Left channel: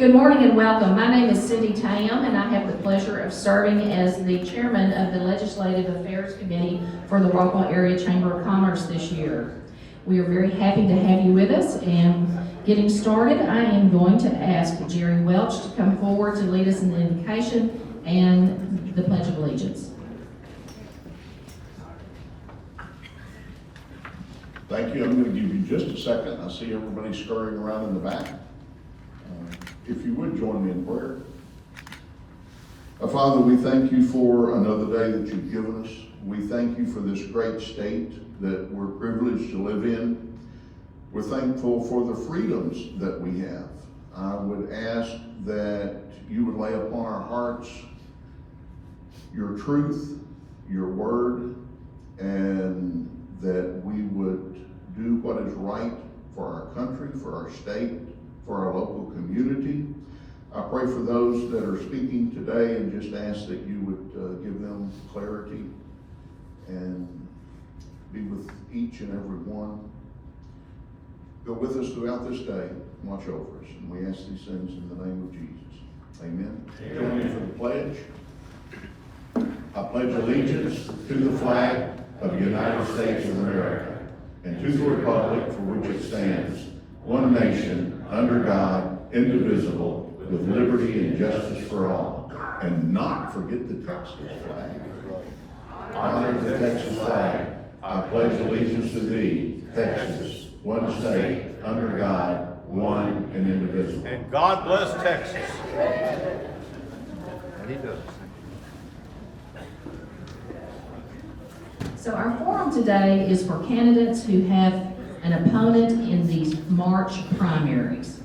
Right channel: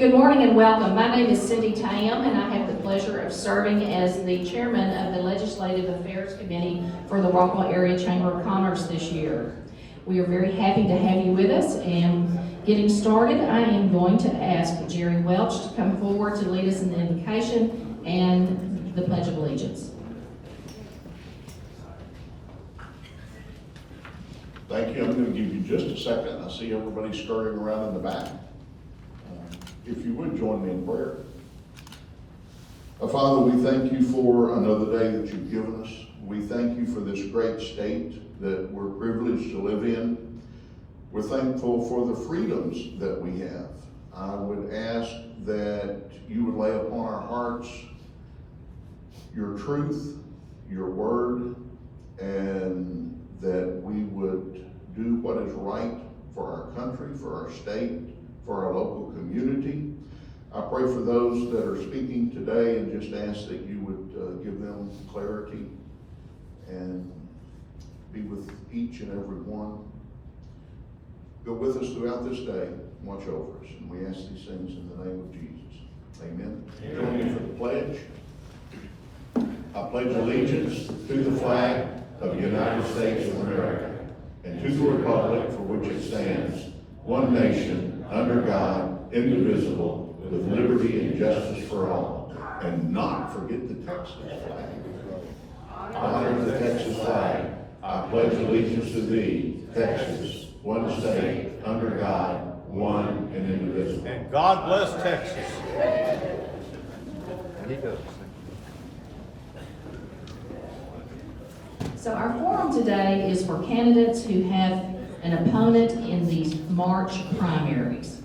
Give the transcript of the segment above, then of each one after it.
Good morning and welcome. My name is Cindy Tam, and I have the pleasure of serving as the chairman of the Legislative Affairs Committee for the Rockwall Area Chamber of Commerce this year. We are very happy to have you with us, and getting started, I am going to ask Jerry Welch to come forward to lead us in the invocation and the Pledge of Allegiance. Thank you. I'm going to give you just a second. I see everybody scurrying around in the back. If you would join me in prayer. Father, we thank you for another day that you've given us. We thank you for this great state that we're privileged to live in. We're thankful for the freedoms that we have. I would ask that you would lay upon our hearts your truth, your word, and that we would do what is right for our country, for our state, for our local community. I pray for those that are speaking today and just ask that you would give them clarity and be with each and every one. Go with us throughout this day and watch over us. And we ask these things in the name of Jesus. Amen. Join me for the pledge. I pledge allegiance to the flag of the United States of America and to the republic for which it stands, one nation, under God, indivisible, with liberty and justice for all. And not forget the Texas flag. Honor the Texas flag. I pledge allegiance to thee, Texas, one state, under God, one and indivisible. And God bless Texas. He does. So our forum today is for candidates who have an opponent in these March primaries.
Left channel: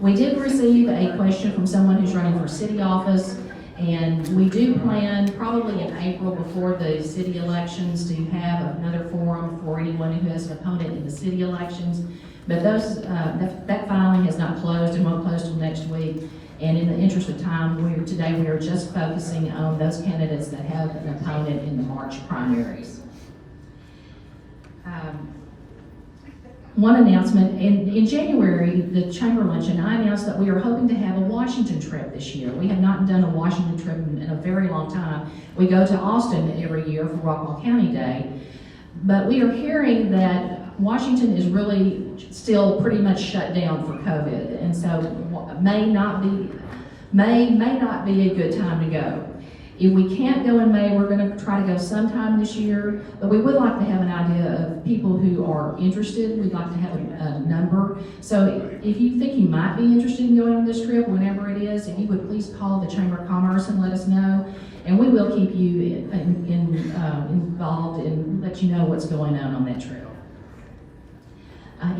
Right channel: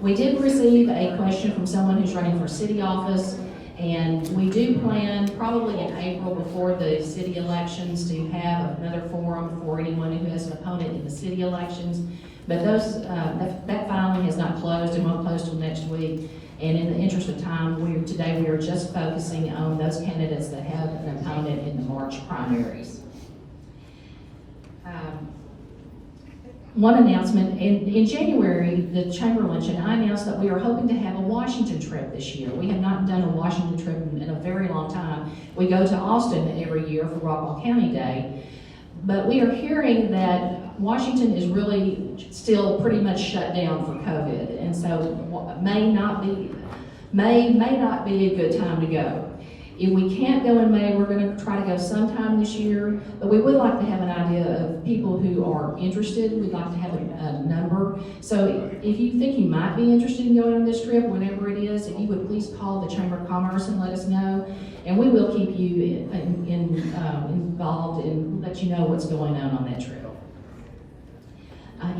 We did receive a question from someone who's running for city office, and we do plan probably in April before the city elections to have another forum for anyone who has an opponent in the city elections. But those that filing has not closed and won't close till next week. And in the interest of time, today we are just focusing on those candidates that have an opponent in the March primaries. One announcement, in January, the Chamber Luncheon, I announced that we are hoping to have a Washington trip this year. We have not done a Washington trip in a very long time. We go to Austin every year for Rockwall County Day, but we are hearing that Washington is really still pretty much shut down for COVID, and so may not be a good time to go. If we can't go in May, we're going to try to go sometime this year, but we would like to have an idea of people who are interested. We'd like to have a number. So if you think you might be interested in going on this trip, whenever it is, if you would please call the Chamber of Commerce and let us know, and we will keep you involved and let you know what's going on that trip.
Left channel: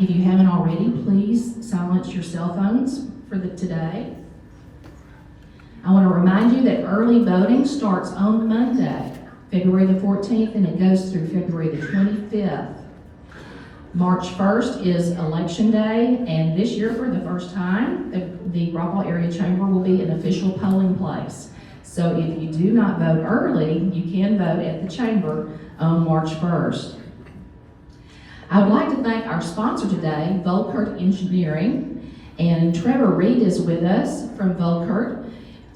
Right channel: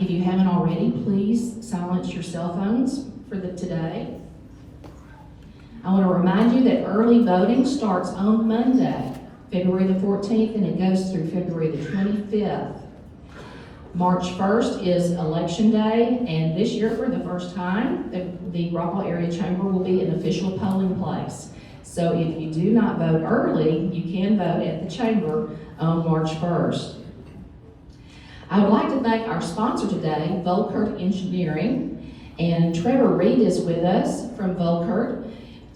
If you haven't already, please silence your cell phones for today. I want to remind you that early voting starts on Monday, February the 14th, and it goes through February the 25th. March 1st is Election Day, and this year, for the first time, the Rockwall Area Chamber will be an official polling place. So if you do not vote early, you can vote at the Chamber on March 1st. I would like to thank our sponsor today, Volkert Engineering, and Trevor Reed is with us from Volkert.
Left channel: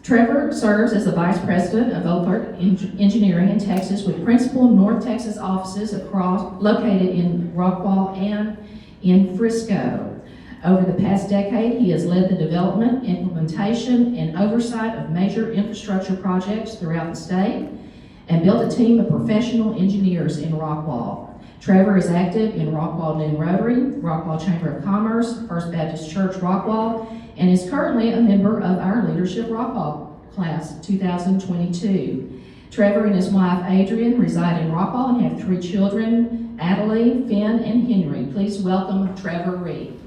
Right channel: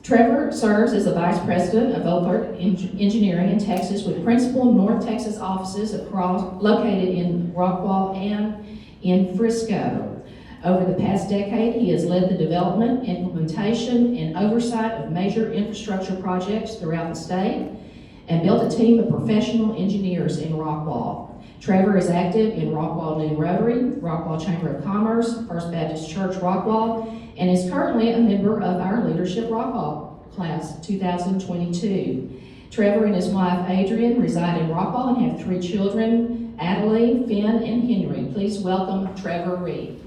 Trevor serves as the Vice President of Volkert Engineering in Texas with principal North Texas offices located in Rockwall and in Frisco. Over the past decade, he has led the development, implementation, and oversight of major infrastructure projects throughout the state and built a team of professional engineers in Rockwall. Trevor is active in Rockwall New Rotary, Rockwall Chamber of Commerce, First Baptist Church Rockwall, and is currently a member of our Leadership Rockwall Class 2022. Trevor and his wife Adrian reside in Rockwall and have 3 children, Adeline, Finn, and Henry. Please welcome Trevor Reed.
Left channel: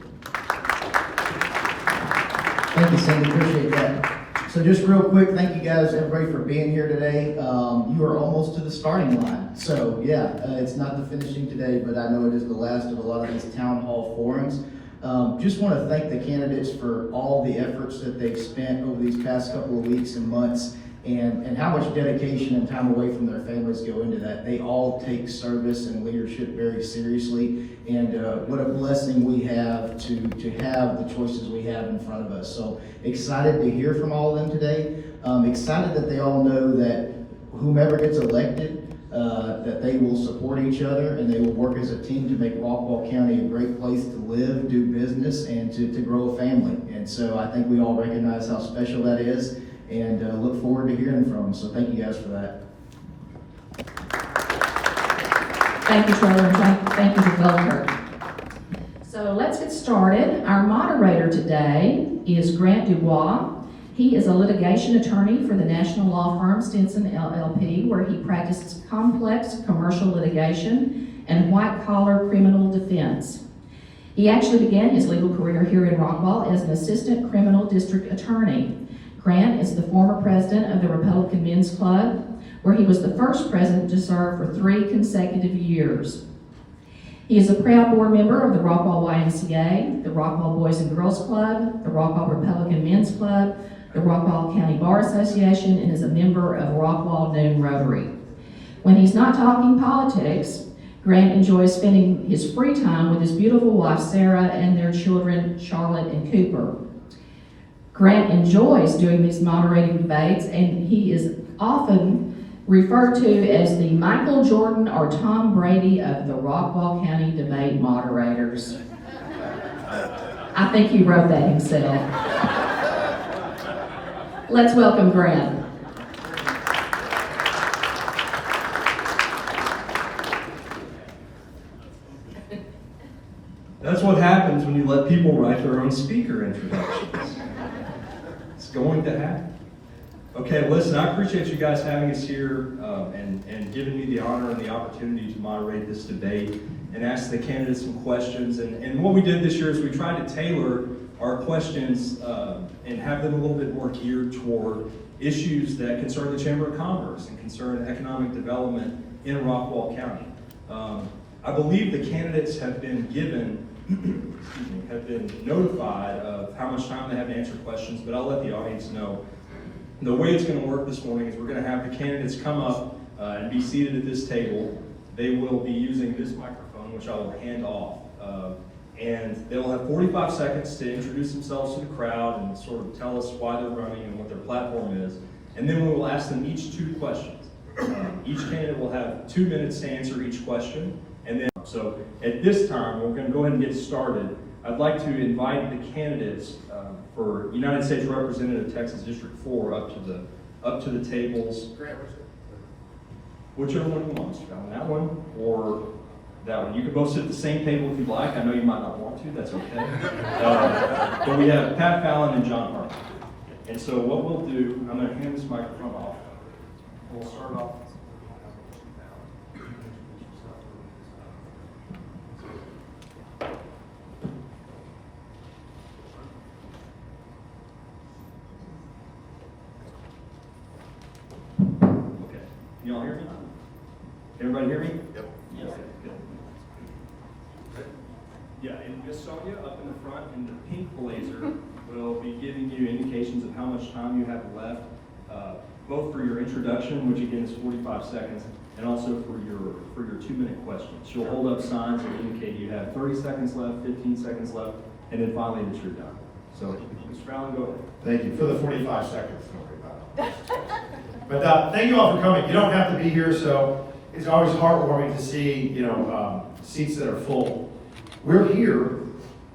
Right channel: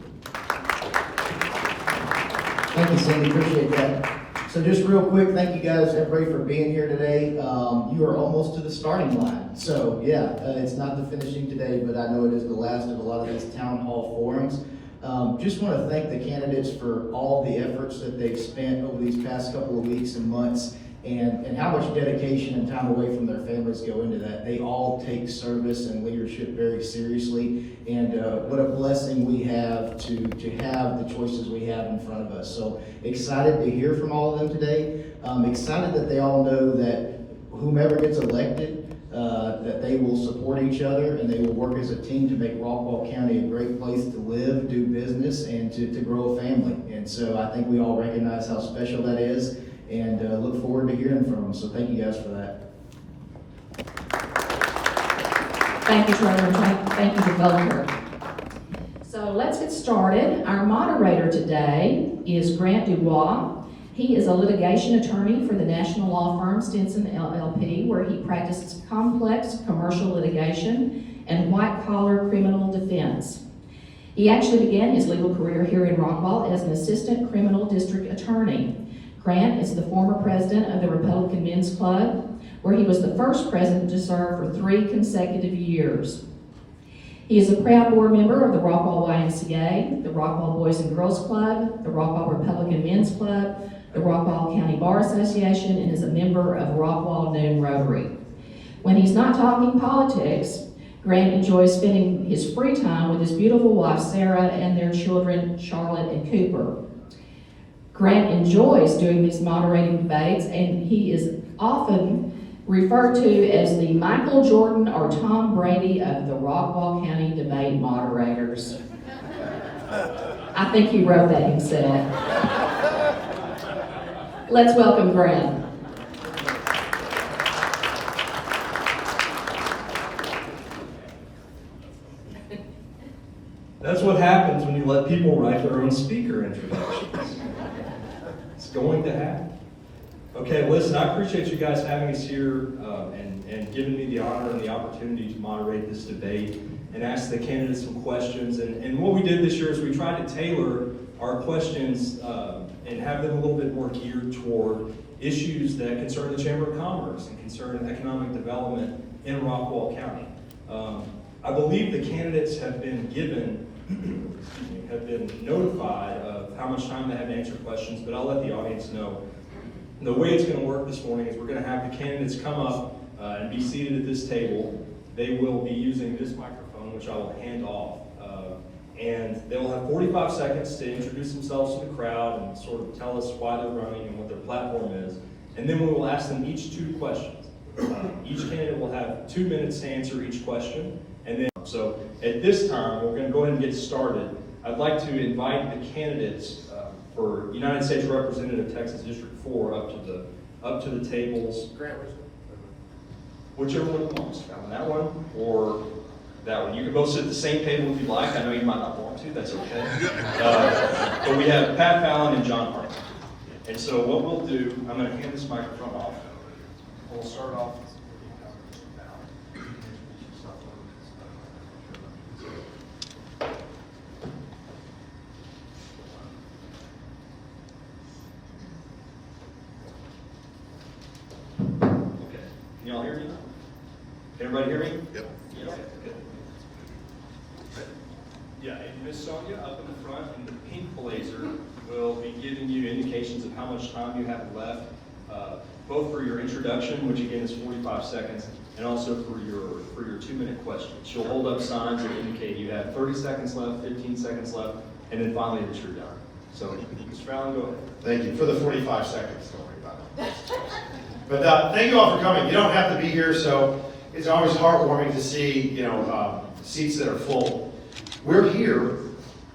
Thank you, Cindy. Appreciate that. So just real quick, thank you guys, everybody, for being here today. You are almost to the starting line. So yeah, it's not the finishing today, but I know it is the last of a lot of these town hall forums. Just want to thank the candidates for all the efforts that they've spent over these past couple of weeks and months and how much dedication and time away from their families go into that. They all take service and leadership very seriously, and what a blessing we have to have the choices we have in front of us. So excited to hear from all of them today. Excited that they all know that whomever gets elected, that they will support each other and they will work as a team to make Rockwall County a great place to live, do business, and to grow a family. And so I think we all recognize how special that is, and look forward to hearing from them. So thank you guys for that. Thank you, Trevor, and thank you to Goldberg. So let's get started. Our moderator today is Grant Dubois. He is a litigation attorney for the national law firm Stinson LLP, where he practices complex commercial litigation and white-collar criminal defense. He actually began his legal career here in Rockwall as an assistant criminal district attorney. Grant is the former president of the Republican Men's Club, where he was the first president to serve for 3 consecutive years. He is a proud board member of the Rockwall YMCA, the Rockwall Boys and Girls Club, the Rockwall Republican Men's Club, the Rockwall County Bar Association, and is a member of Rockwall Noon Rotary. When he's not talking politics, Grant enjoys spending his free time with his beautiful wife Sarah and their children Charlotte and Cooper. Grant enjoys doing these moderating debates, and he is often referred to as the Michael Jordan or Tom Brady of the Rockwall County debate moderators. I think he wrote that himself. Let's welcome Grant. That's what happens when you let people write their own speaker introductions. It's going to happen. Okay, listen, I appreciate you guys having us here and giving me the honor and the opportunity to moderate this debate and ask the candidates some questions. And what we did this year is we tried to tailor our questions and have them a little bit more geared toward issues that concern the Chamber of Commerce and concern economic development in Rockwall County. I believe the candidates have been given, have been notified of how much time they have to answer questions, but I'll let the audience know. The way it's going to work this morning is we're going to have the candidates come up and be seated at this table. They will be using this microphone, which I will hand off. And they'll have 45 seconds to introduce themselves to the crowd and sort of tell us why they're running and what their platform is. And then we will ask them each 2 questions. Each candidate will have 2 minutes to answer each question. And then, so at this time, we're going to go ahead and get started. I'd like to invite the candidates for United States Representative Texas District 4 up to the tables. Grant, Whichever one you want. That one or that one. You can both sit at the same table if you like. I know you might not want to. That's okay. But we have Pat Fallon and John Harper. And so what we'll do, I'm going to hand this microphone off. We'll start off. Okay. Can y'all hear me? Everybody hear me? Yep. Okay, good. Yeah, and Miss Sonia up in the front in the pink blazer will be giving you indications of how much time you have left, both for your introduction, which again is 45 seconds, and also for your 2-minute questions. She'll hold up signs that indicate you have 30 seconds left, 15 seconds left, and then finally that you're done. So, Mr. Fallon, go ahead. Thank you for the 45 seconds. Don't worry about it. But thank you all for coming. You don't have to be here, so it's always heartwarming to see seats that are full. We're here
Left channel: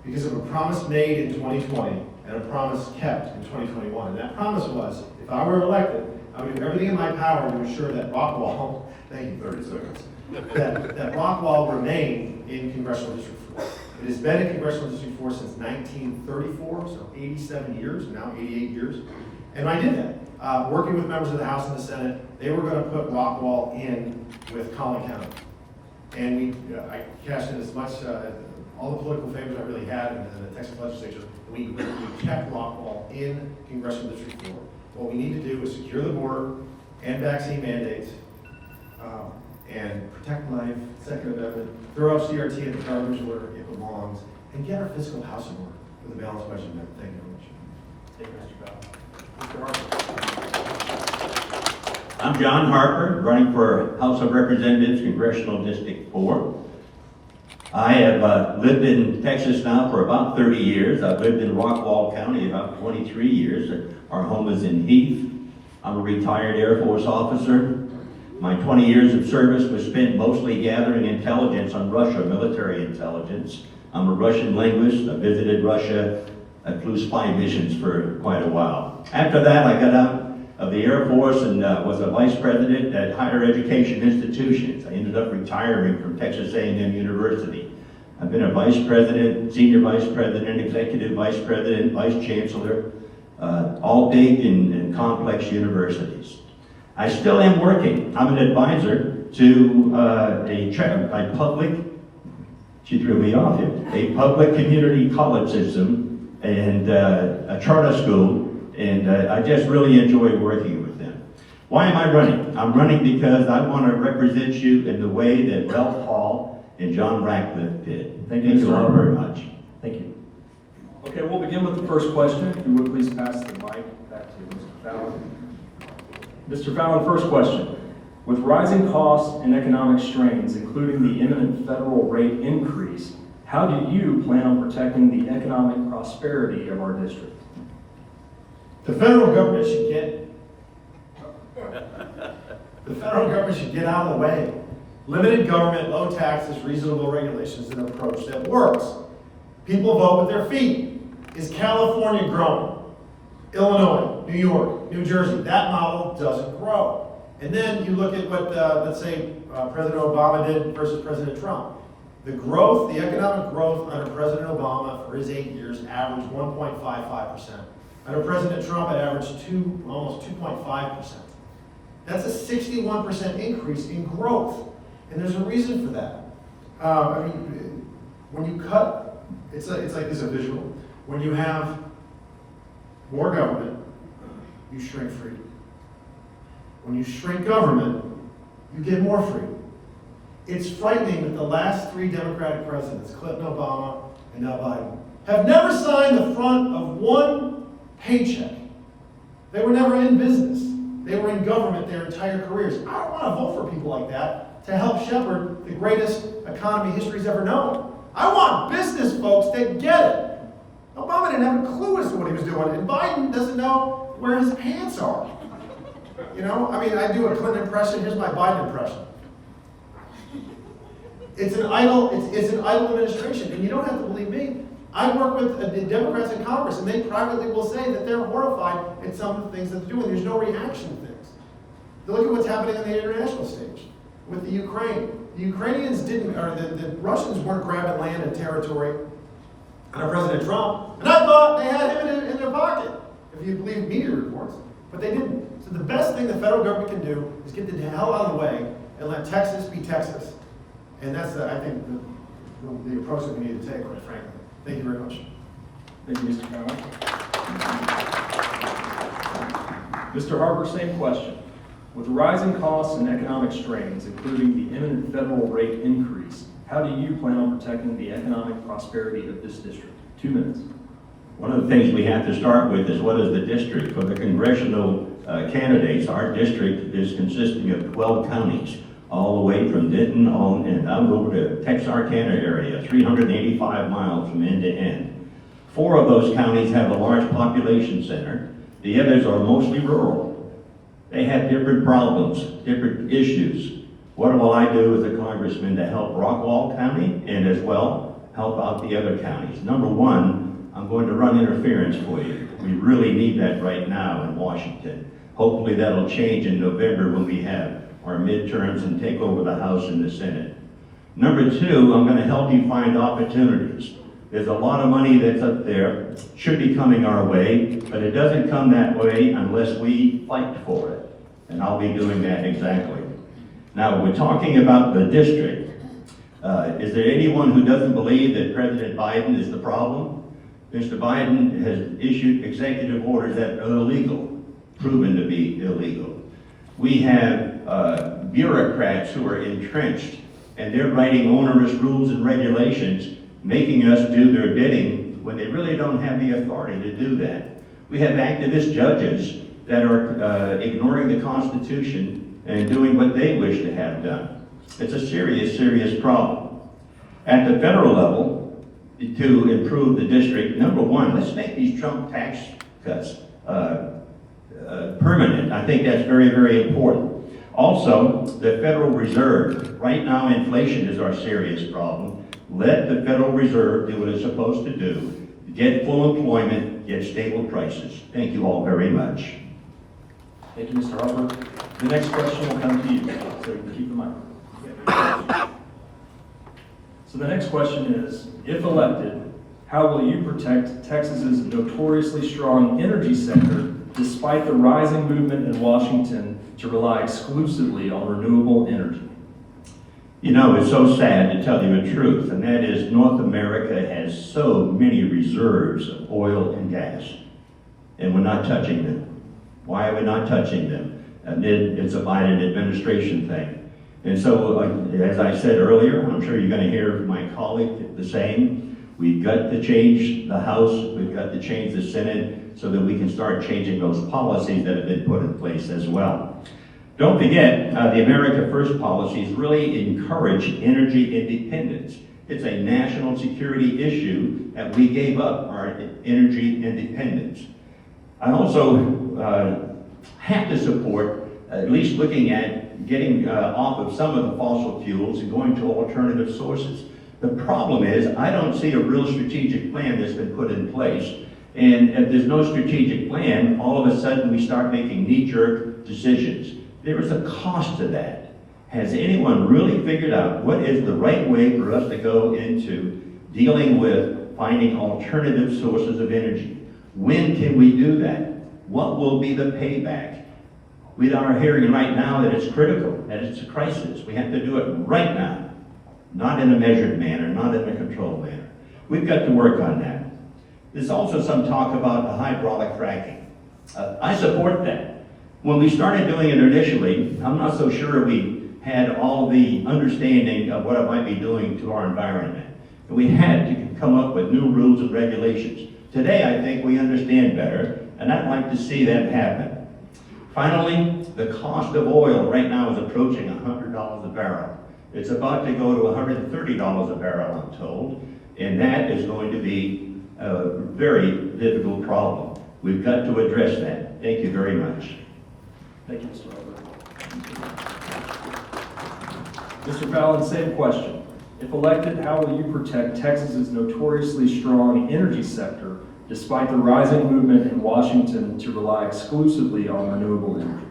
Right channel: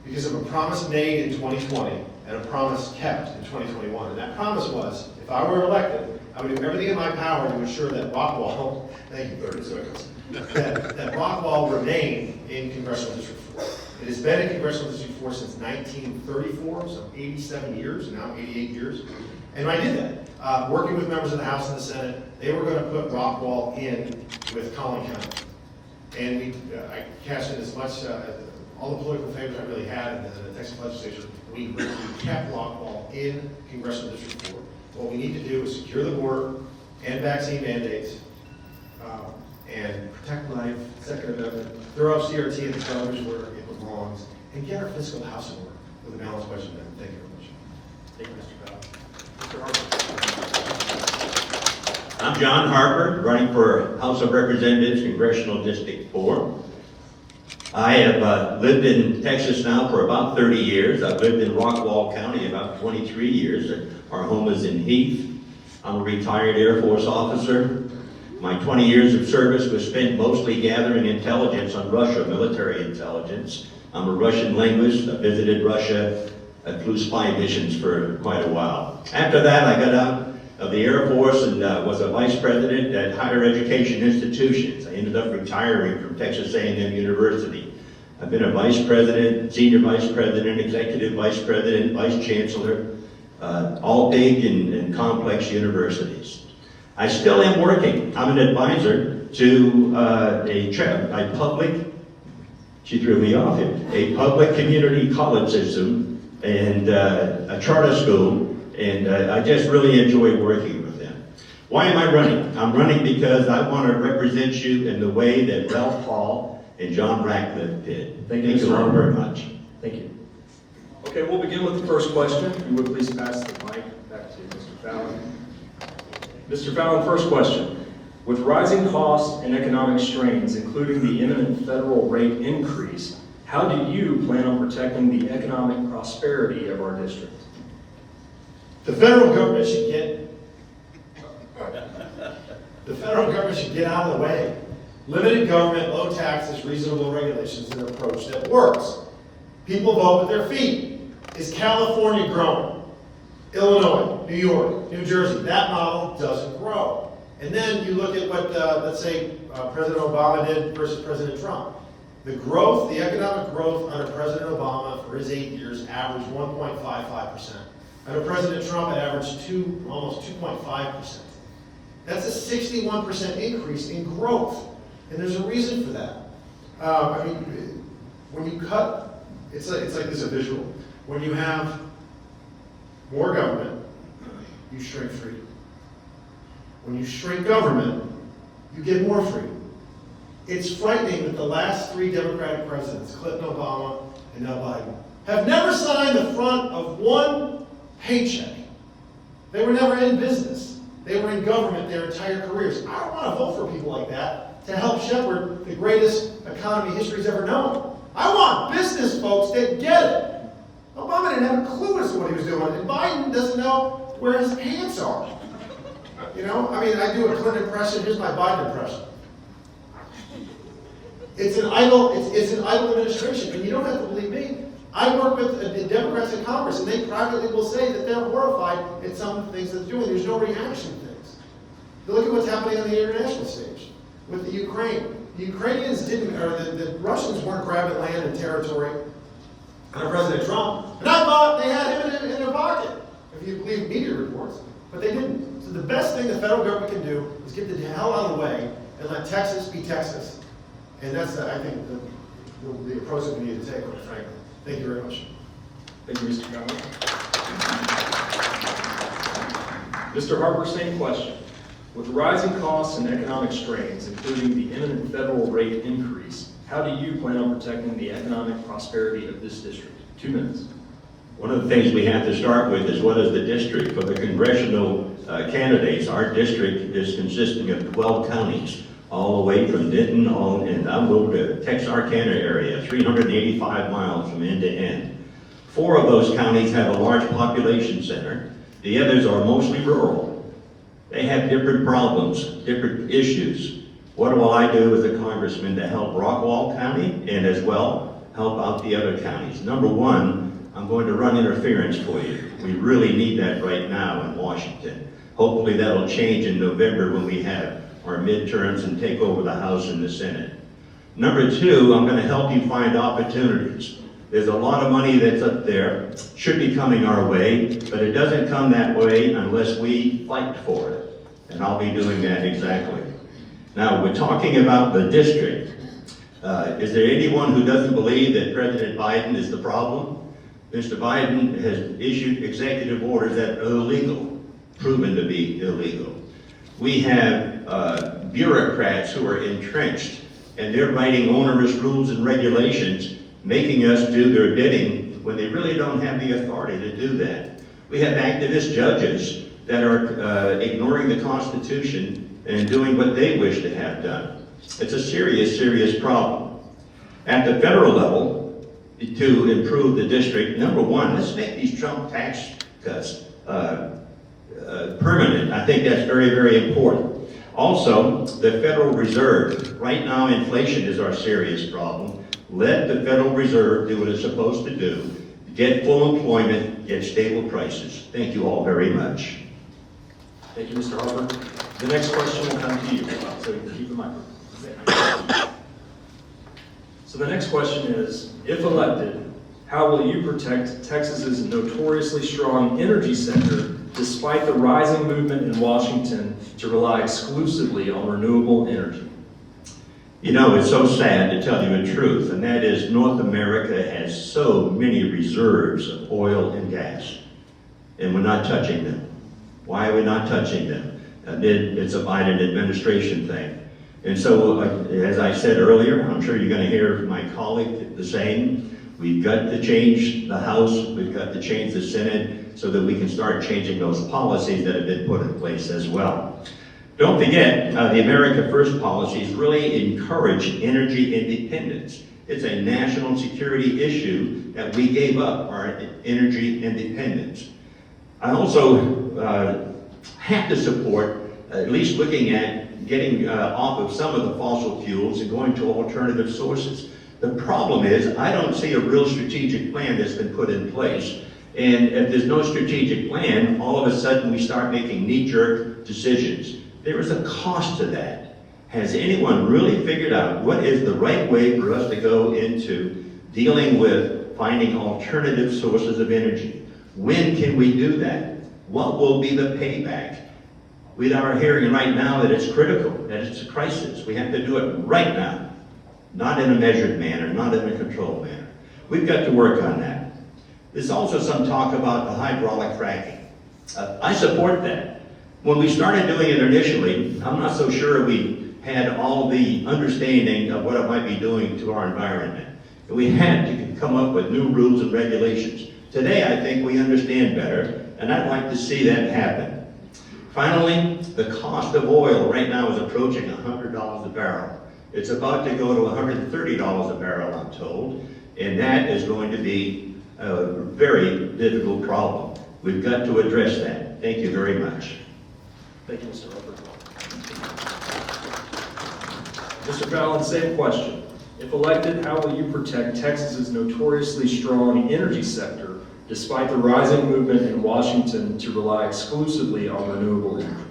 because of a promise made in 2020 and a promise kept in 2021. And that promise was, if I were elected, I would do everything in my power to ensure that Rockwall, thank you, 30 seconds, that Rockwall remain in Congressional District 4. It has been in Congressional District 4 since 1934, so 87 years, now 88 years. And I did that. Working with members of the House and the Senate, they were going to put Rockwall in with Collin County. And I cashed in as much, all the political favors I really had in the Texas legislature, and we kept Rockwall in Congressional District 4. What we need to do is secure the border and vaccine mandates, and protect life, throw up CRT at the coverage where it belongs, and get our fiscal house in order for the balanced budget amendment. Thank you very much. Thank you, Mr. Bell. Mr. Harper. I'm John Harper, running for House of Representatives, Congressional District 4. I have lived in Texas now for about 30 years. I've lived in Rockwall County about 23 years. Our home is in Heath. I'm a retired Air Force officer. My 20 years of service was spent mostly gathering intelligence on Russia, military intelligence. I'm a Russian linguist. I visited Russia, flew spy missions for quite a while. After that, I got out of the Air Force and was a vice president at higher education institutions. I ended up retiring from Texas A&M University. I've been a vice president, senior vice president, executive vice president, vice chancellor, all big and complex universities. I still am working. I'm an advisor to a public, she threw me off here, a public community college system and a charter school. And I just really enjoy working with them. Why am I running? I'm running because I want to represent you in the way that Ralph Hall and John Ratcliffe did. Thank you all very much. Thank you. Okay, we'll begin with the first question. If you would please pass the mic back to Mr. Fallon. Mr. Fallon, first question. With rising costs and economic strains, including the imminent federal rate increase, how do you plan on protecting the economic prosperity of our district? The federal government should get out of the way. Limited government, low taxes, reasonable regulations, an approach that works. People vote with their feet. Is California growing? Illinois, New York, New Jersey, that model doesn't grow. And then you look at what, let's say, President Obama did versus President Trump. The growth, the economic growth under President Obama for his 8 years averaged 1.55%. Under President Trump, it averaged almost 2.5%. That's a 61% increase in growth, and there's a reason for that. I mean, when you cut, it's like this, a visual. When you have more government, you shrink freedom. When you shrink government, you get more freedom. It's frightening that the last 3 Democratic presidents, Clinton, Obama, and now Biden, have never signed the front of one paycheck. They were never in business. They were in government their entire careers. I don't want to vote for people like that to help shepherd the greatest economy history's ever known. I want business folks that get it. Obama didn't have a clue as to what he was doing, and Biden doesn't know where his pants are. You know, I mean, I do a Clinton impression. Here's my Biden impression. It's an idle administration, and you don't have to believe me. I work with the Democrats in Congress, and they privately will say that they're horrified at some of the things that they're doing. There's no reaction to things. You look at what's happening on the international stage with the Ukraine. The Ukrainians didn't, or the Russians weren't grabbing land and territory under President Trump, and I thought they had him in their pocket, if you believe media reports, but they didn't. So the best thing the federal government can do is get the hell out of the way and let Texas be Texas. And that's, I think, the approach that we need to take, quite frankly. Thank you very much. Thank you, Mr. Fallon. Mr. Harper, same question. With rising costs and economic strains, including the imminent federal rate increase, how do you plan on protecting the economic prosperity of this district? 2 minutes. One of the things we have to start with is what is the district? For the congressional candidates, our district is consisting of 12 counties, all the way from Denton on and down over to Texarkana area, 385 miles from end to end. 4 of those counties have a large population center. The others are mostly rural. They have different problems, different issues. What will I do as a congressman to help Rockwall County and as well help out the other counties? Number one, I'm going to run interference for you. We really need that right now in Washington. Hopefully that'll change in November when we have our midterms and take over the House and the Senate. Number two, I'm going to help you find opportunities. There's a lot of money that's up there, should be coming our way, but it doesn't come that way unless we fight for it. And I'll be doing that exactly. Now, we're talking about the district. Is there anyone who doesn't believe that President Biden is the problem? Mr. Biden has issued executive orders that are illegal, proven to be illegal. We have bureaucrats who are entrenched, and they're writing onerous rules and regulations, making us do their bidding when they really don't have the authority to do that. We have activist judges that are ignoring the Constitution and doing what they wish to have done. It's a serious, serious problem. At the federal level, to improve the district, number one, let's make these Trump tax cuts permanent. I think that's very, very important. Also, the Federal Reserve. Right now, inflation is our serious problem. Let the Federal Reserve do what it's supposed to do. Get full employment, get stable prices. Thank you all very much. Thank you, Mr. Harper. The next question will come to you, so keep the microphone. So the next question is, if elected, how will you protect Texas's notoriously strong energy sector despite the rising movement in Washington to rely exclusively on renewable energy? You know, it's so sad to tell you the truth, and that is North America has so many reserves of oil and gas, and we're not touching them. Why are we not touching them? It's a Biden administration thing. And so, as I said earlier, I'm sure you're going to hear my colleague the same. We've got to change the House, we've got to change the Senate so that we can start changing those policies that have been put in place as well. Don't forget, the America First policies really encourage energy independence. It's a national security issue that we gave up our energy independence. I also have to support at least looking at getting off of some of the fossil fuels and going to alternative sources. The problem is, I don't see a real strategic plan that's been put in place. And if there's no strategic plan, all of a sudden we start making knee-jerk decisions. There is a cost to that. Has anyone really figured out what is the right way for us to go into dealing with finding alternative sources of energy? When can we do that? What will be the payback? We are hearing right now that it's critical, that it's a crisis. We have to do it right now, not in a measured manner, not in a controlled manner. We've got to work on that. There's also some talk about the hydraulic fracking. I support that. When we started doing it initially, I'm not so sure we had all the understanding of what it might be doing to our environment. And we had to come up with new rules and regulations. Today, I think we understand better, and I'd like to see that happen. Finally, the cost of oil right now is approaching $100 a barrel. It's about to go to $130 a barrel, I'm told, and that is going to be a very difficult problem. We've got to address that. Thank you very much. Thank you, Mr. Harper. Mr. Fallon, same question. If elected, how will you protect Texas's notoriously strong energy sector despite the rising movement in Washington to rely exclusively on renewable energy?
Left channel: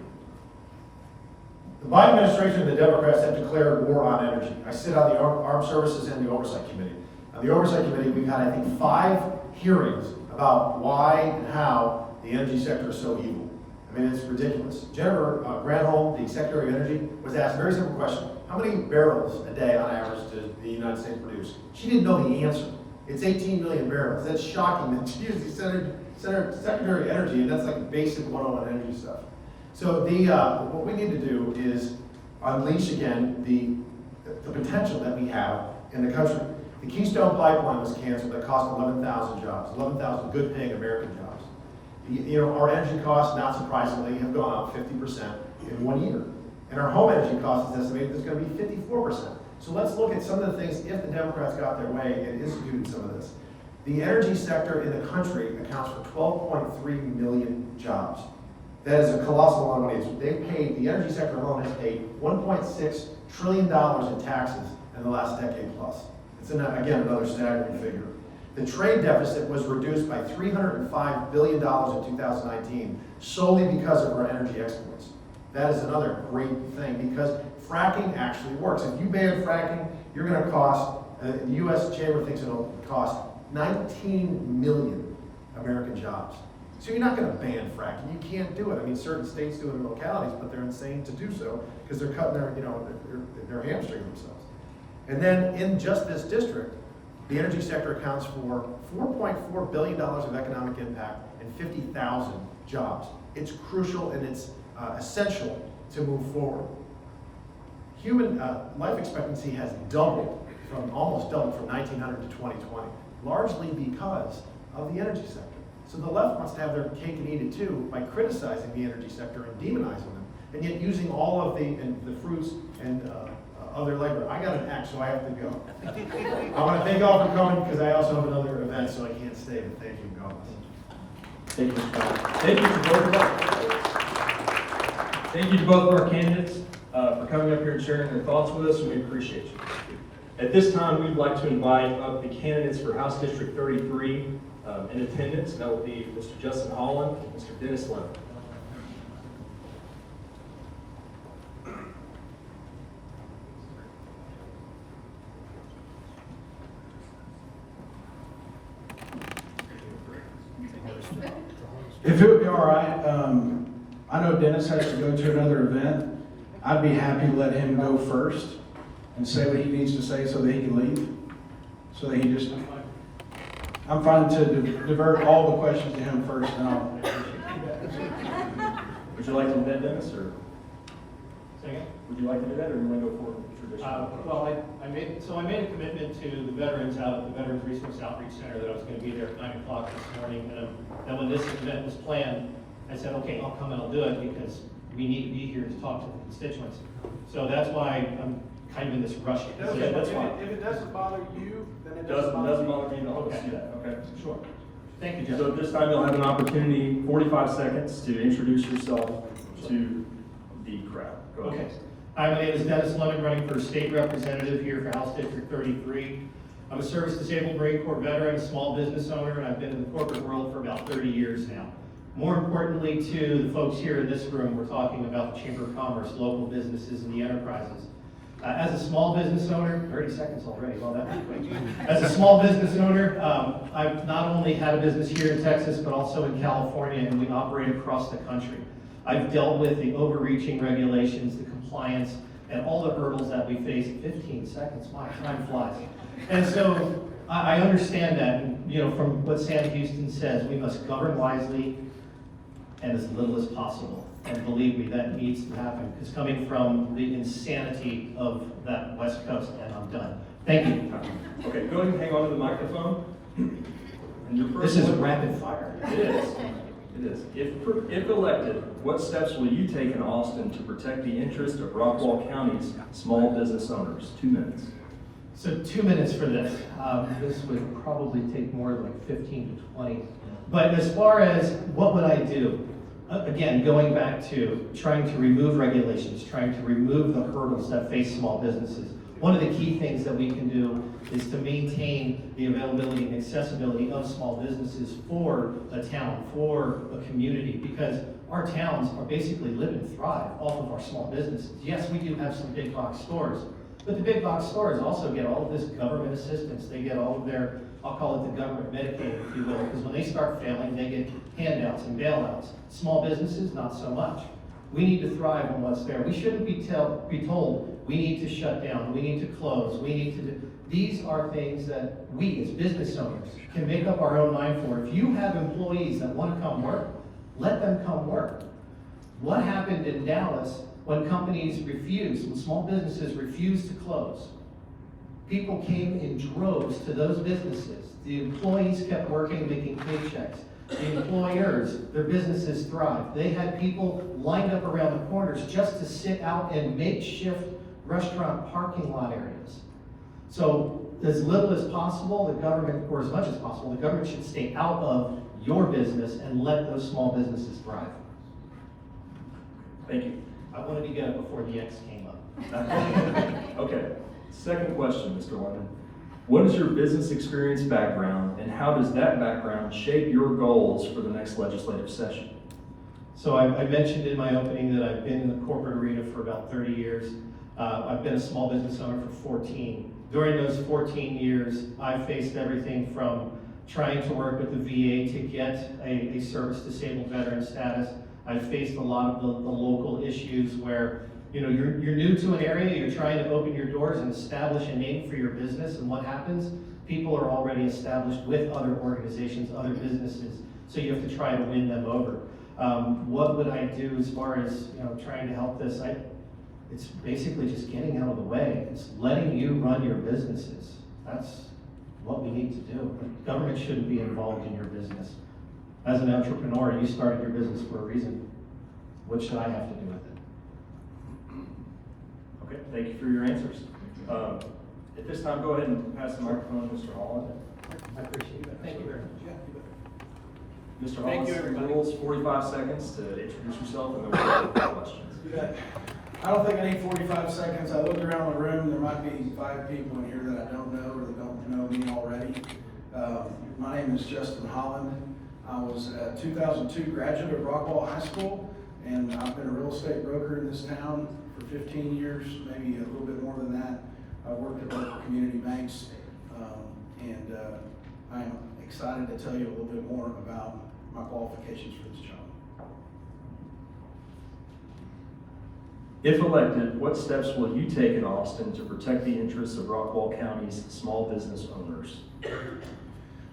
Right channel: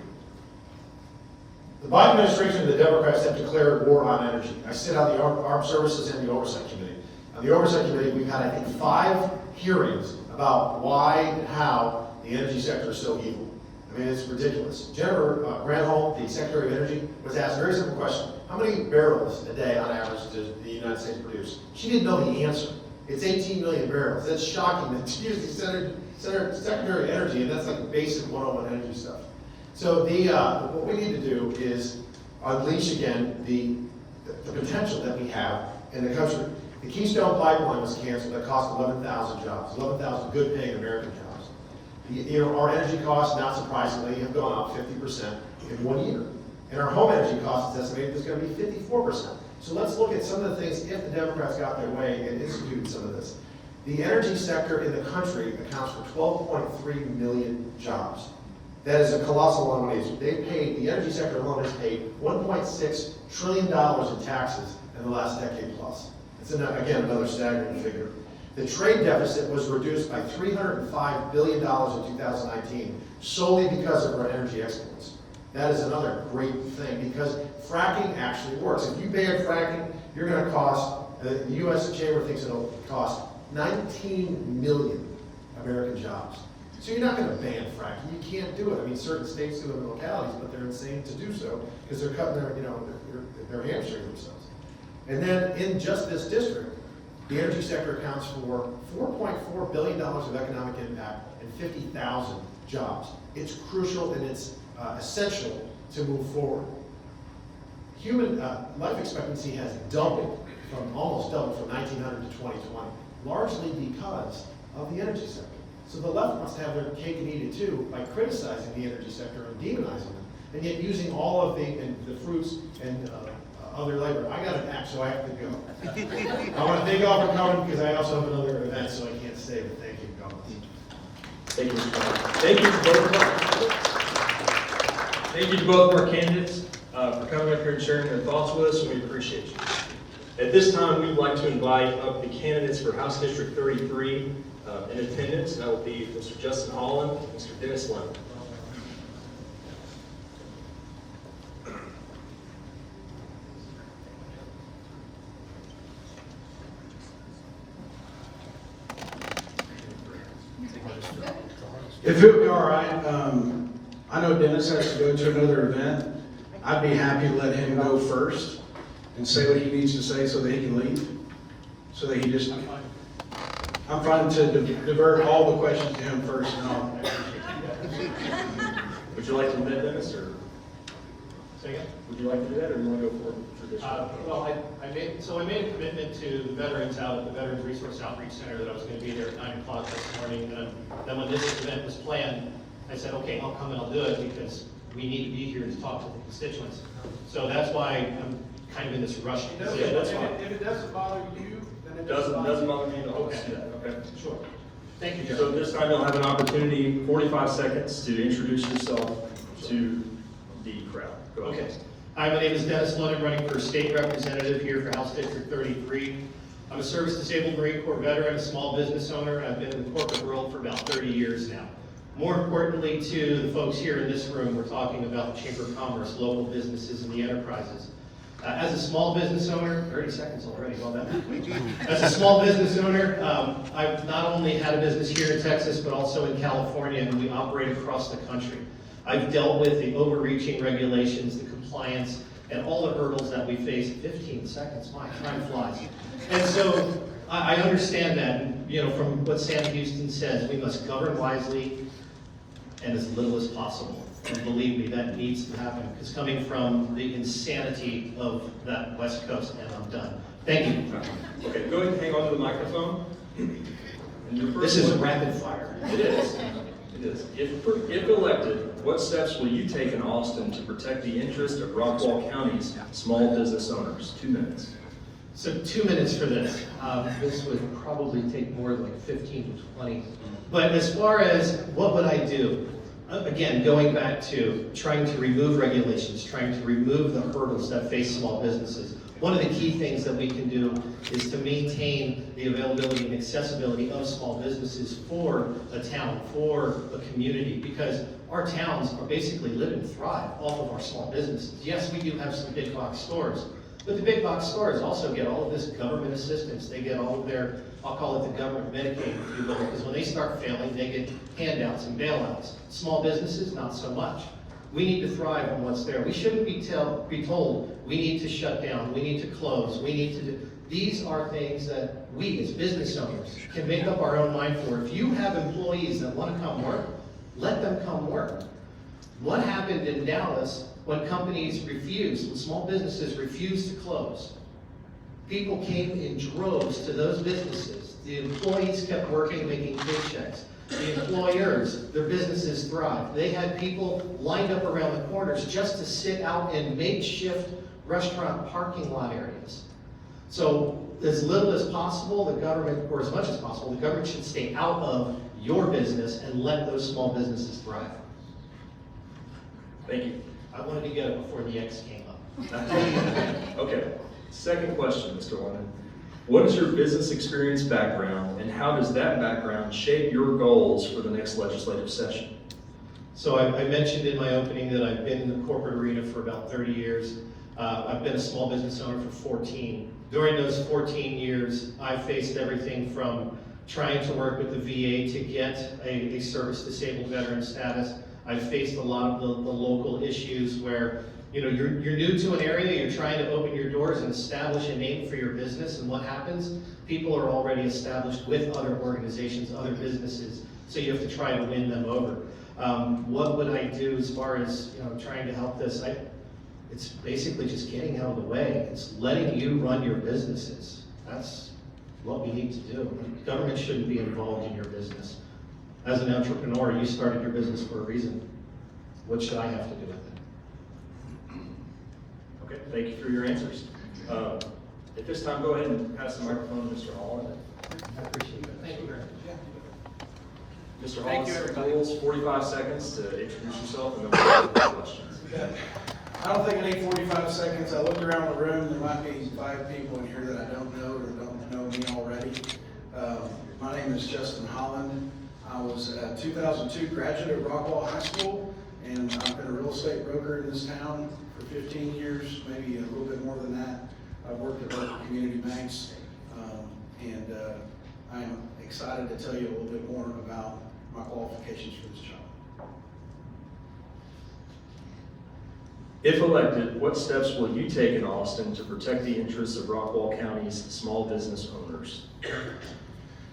The Biden administration and the Democrats have declared war on energy. I sit on the Armed Services and the Oversight Committee. On the Oversight Committee, we've had, I think, 5 hearings about why and how the energy sector is so evil. I mean, it's ridiculous. Jennifer Granholm, the Secretary of Energy, was asked a very simple question. How many barrels a day on average does the United States produce? She didn't know the answer. It's 18 million barrels. That's shocking that she is the Secretary of Energy, and that's like basic 101 energy stuff. So what we need to do is unleash again the potential that we have in the country. The Keystone Pipeline was canceled. That cost 11,000 jobs, 11,000 good-paying American jobs. Our energy costs, not surprisingly, have gone up 50% in 1 year. And our home energy costs is estimated is going to be 54%. So let's look at some of the things, if the Democrats got their way and instituted some of this. The energy sector in the country accounts for 12.3 million jobs. That is a colossal amount of money. The energy sector alone has paid $1.6 trillion in taxes in the last decade plus. It's, again, another staggering figure. The trade deficit was reduced by $305 billion in 2019 solely because of our energy exports. That is another great thing because fracking actually works. If you ban fracking, you're going to cost, the U.S. Chamber thinks it'll cost 19 million American jobs. So you're not going to ban fracking. You can't do it. I mean, certain states do it in localities, but they're insane to do so because they're cutting their hamstring themselves. And then in just this district, the energy sector accounts for $4.4 billion of economic impact and 50,000 jobs. It's crucial and it's essential to move forward. Human life expectancy has almost doubled from 1900 to 2020, largely because of the energy sector. So the left wants to have their cake and eat it too by criticizing the energy sector and demonizing them, and yet using all of the fruits and other labor. I got an act, so I have to go. I want to thank you all for coming because I also have another event, so I can't stay. But thank you. God bless. Thank you, Mr. Brown. Thank you to both of us. Thank you to both of our candidates for coming up here and sharing their thoughts with us, and we appreciate you. At this time, we'd like to invite up the candidates for House District 33 in attendance. That will be Mr. Justin Holland and Mr. Dennis Lemon. If it would be all right, I know Dennis has to go to another event. I'd be happy to let him go first and say what he needs to say so that he can leave. So that he just, I'm fine to divert all the questions to him first and I'll. Would you like to do that, Dennis, or? Say again? Would you like to do that, or do you want to go for traditional? Well, I made a commitment to the veterans out at the Veterans Resource Outreach Center that I was going to be there at 9 o'clock this morning. And then when this event was planned, I said, okay, I'll come and I'll do it because we need to be here to talk to the constituents. So that's why I'm kind of in this rush. If it doesn't bother you, then it doesn't Doesn't bother bother me at all. Let's do that, okay? Sure. Thank you, So Jeff. this time you'll have an opportunity, 45 seconds, to introduce yourself to the crowd. Go ahead. Okay. Hi, my name is Dennis London, running for state representative here for House District 33. I'm a service-disabled Marine Corps veteran, a small business owner, and I've been in the corporate world for about 30 years now. More importantly to the folks here in this room, we're talking about the Chamber of Commerce, local businesses, and the enterprises. As a small business owner, 30 seconds already, well, that was quick. As a small business owner, I've not only had a business here in Texas, but also in California, and we operate across the country. I've dealt with the overreaching regulations, the compliance, and all the hurdles that we face. 15 seconds, my time flies. And so I understand that, and, you know, from what Sam Houston says, we must govern wisely and as little as possible. And believe me, that needs to happen, because coming from the insanity of that West Coast, and I'm done. Thank you. Okay, go ahead and hang on to the microphone. And your first This is a one- rapid fire. It is. It is. If elected, what steps will you take in Austin to protect the interest of Rockwall County's small business owners? 2 minutes. So 2 minutes for this. This would probably take more than like 15 to 20. But as far as what would I do? Again, going back to trying to remove regulations, trying to remove the hurdles that face small businesses. One of the key things that we can do is to maintain the availability and accessibility of small businesses for a town, for a community, because our towns are basically live and thrive off of our small businesses. Yes, we do have some big box stores, but the big box stores also get all of this government assistance. They get all of their, I'll call it the government Medicaid, if you will, because when they start failing, they get handouts and bailouts. Small businesses, not so much. We need to thrive on what's there. We shouldn't be told, we need to shut down, we need to close, we need to do. These are things that we as business owners can make up our own mind for. If you have employees that want to come work, let them come work. What happened in Dallas when companies refused, when small businesses refused to close? People came in droves to those businesses. The employees kept working, making paychecks. The employers, their businesses thrived. They had people lined up around the corners just to sit out in makeshift restaurant parking lot areas. So as little as possible, the government, or as much as possible, the government should stay out of your business and let those small businesses thrive. Thank you. I wanted to get it before the X came up. Okay. Second question, Mr. London. What is your business experience background, and how does that background shape your goals for the next legislative session? So I mentioned in my opening that I've been in the corporate arena for about 30 years. I've been a small business owner for 14. During those 14 years, I've faced everything from trying to work with the VA to get a service-disabled veteran status. I've faced a lot of the local issues where, you know, you're new to an area, you're trying to open your doors and establish a name for your business, and what happens? People are already established with other organizations, other businesses, so you have to try to win them over. What would I do as far as, you know, trying to help this? It's basically just getting out of the way. It's letting you run your businesses. That's what we need to do. Government shouldn't be involved in your business. as an entrepreneur, you started your business for a reason. What should I have to do with it? Okay, thank you for your answers. At this time, go ahead and pass the microphone to Mr. Holland. I appreciate it. Thank you very much. Mr. Thank you, Holland, everybody. rules, 45 seconds to introduce yourself and then we'll take questions. I don't think I need 45 seconds. I looked around the room, there might be 5 people in here that I don't know or that don't know me already. My name is Justin Holland. I was a 2002 graduate of Rockwall High School, and I've been a real estate broker in this town for 15 years, maybe a little bit more than that. I've worked at local community banks, and I'm excited to tell you a little bit more about my qualifications for this job. If elected, what steps will you take in Austin to protect the interests of Rockwall County's small business owners?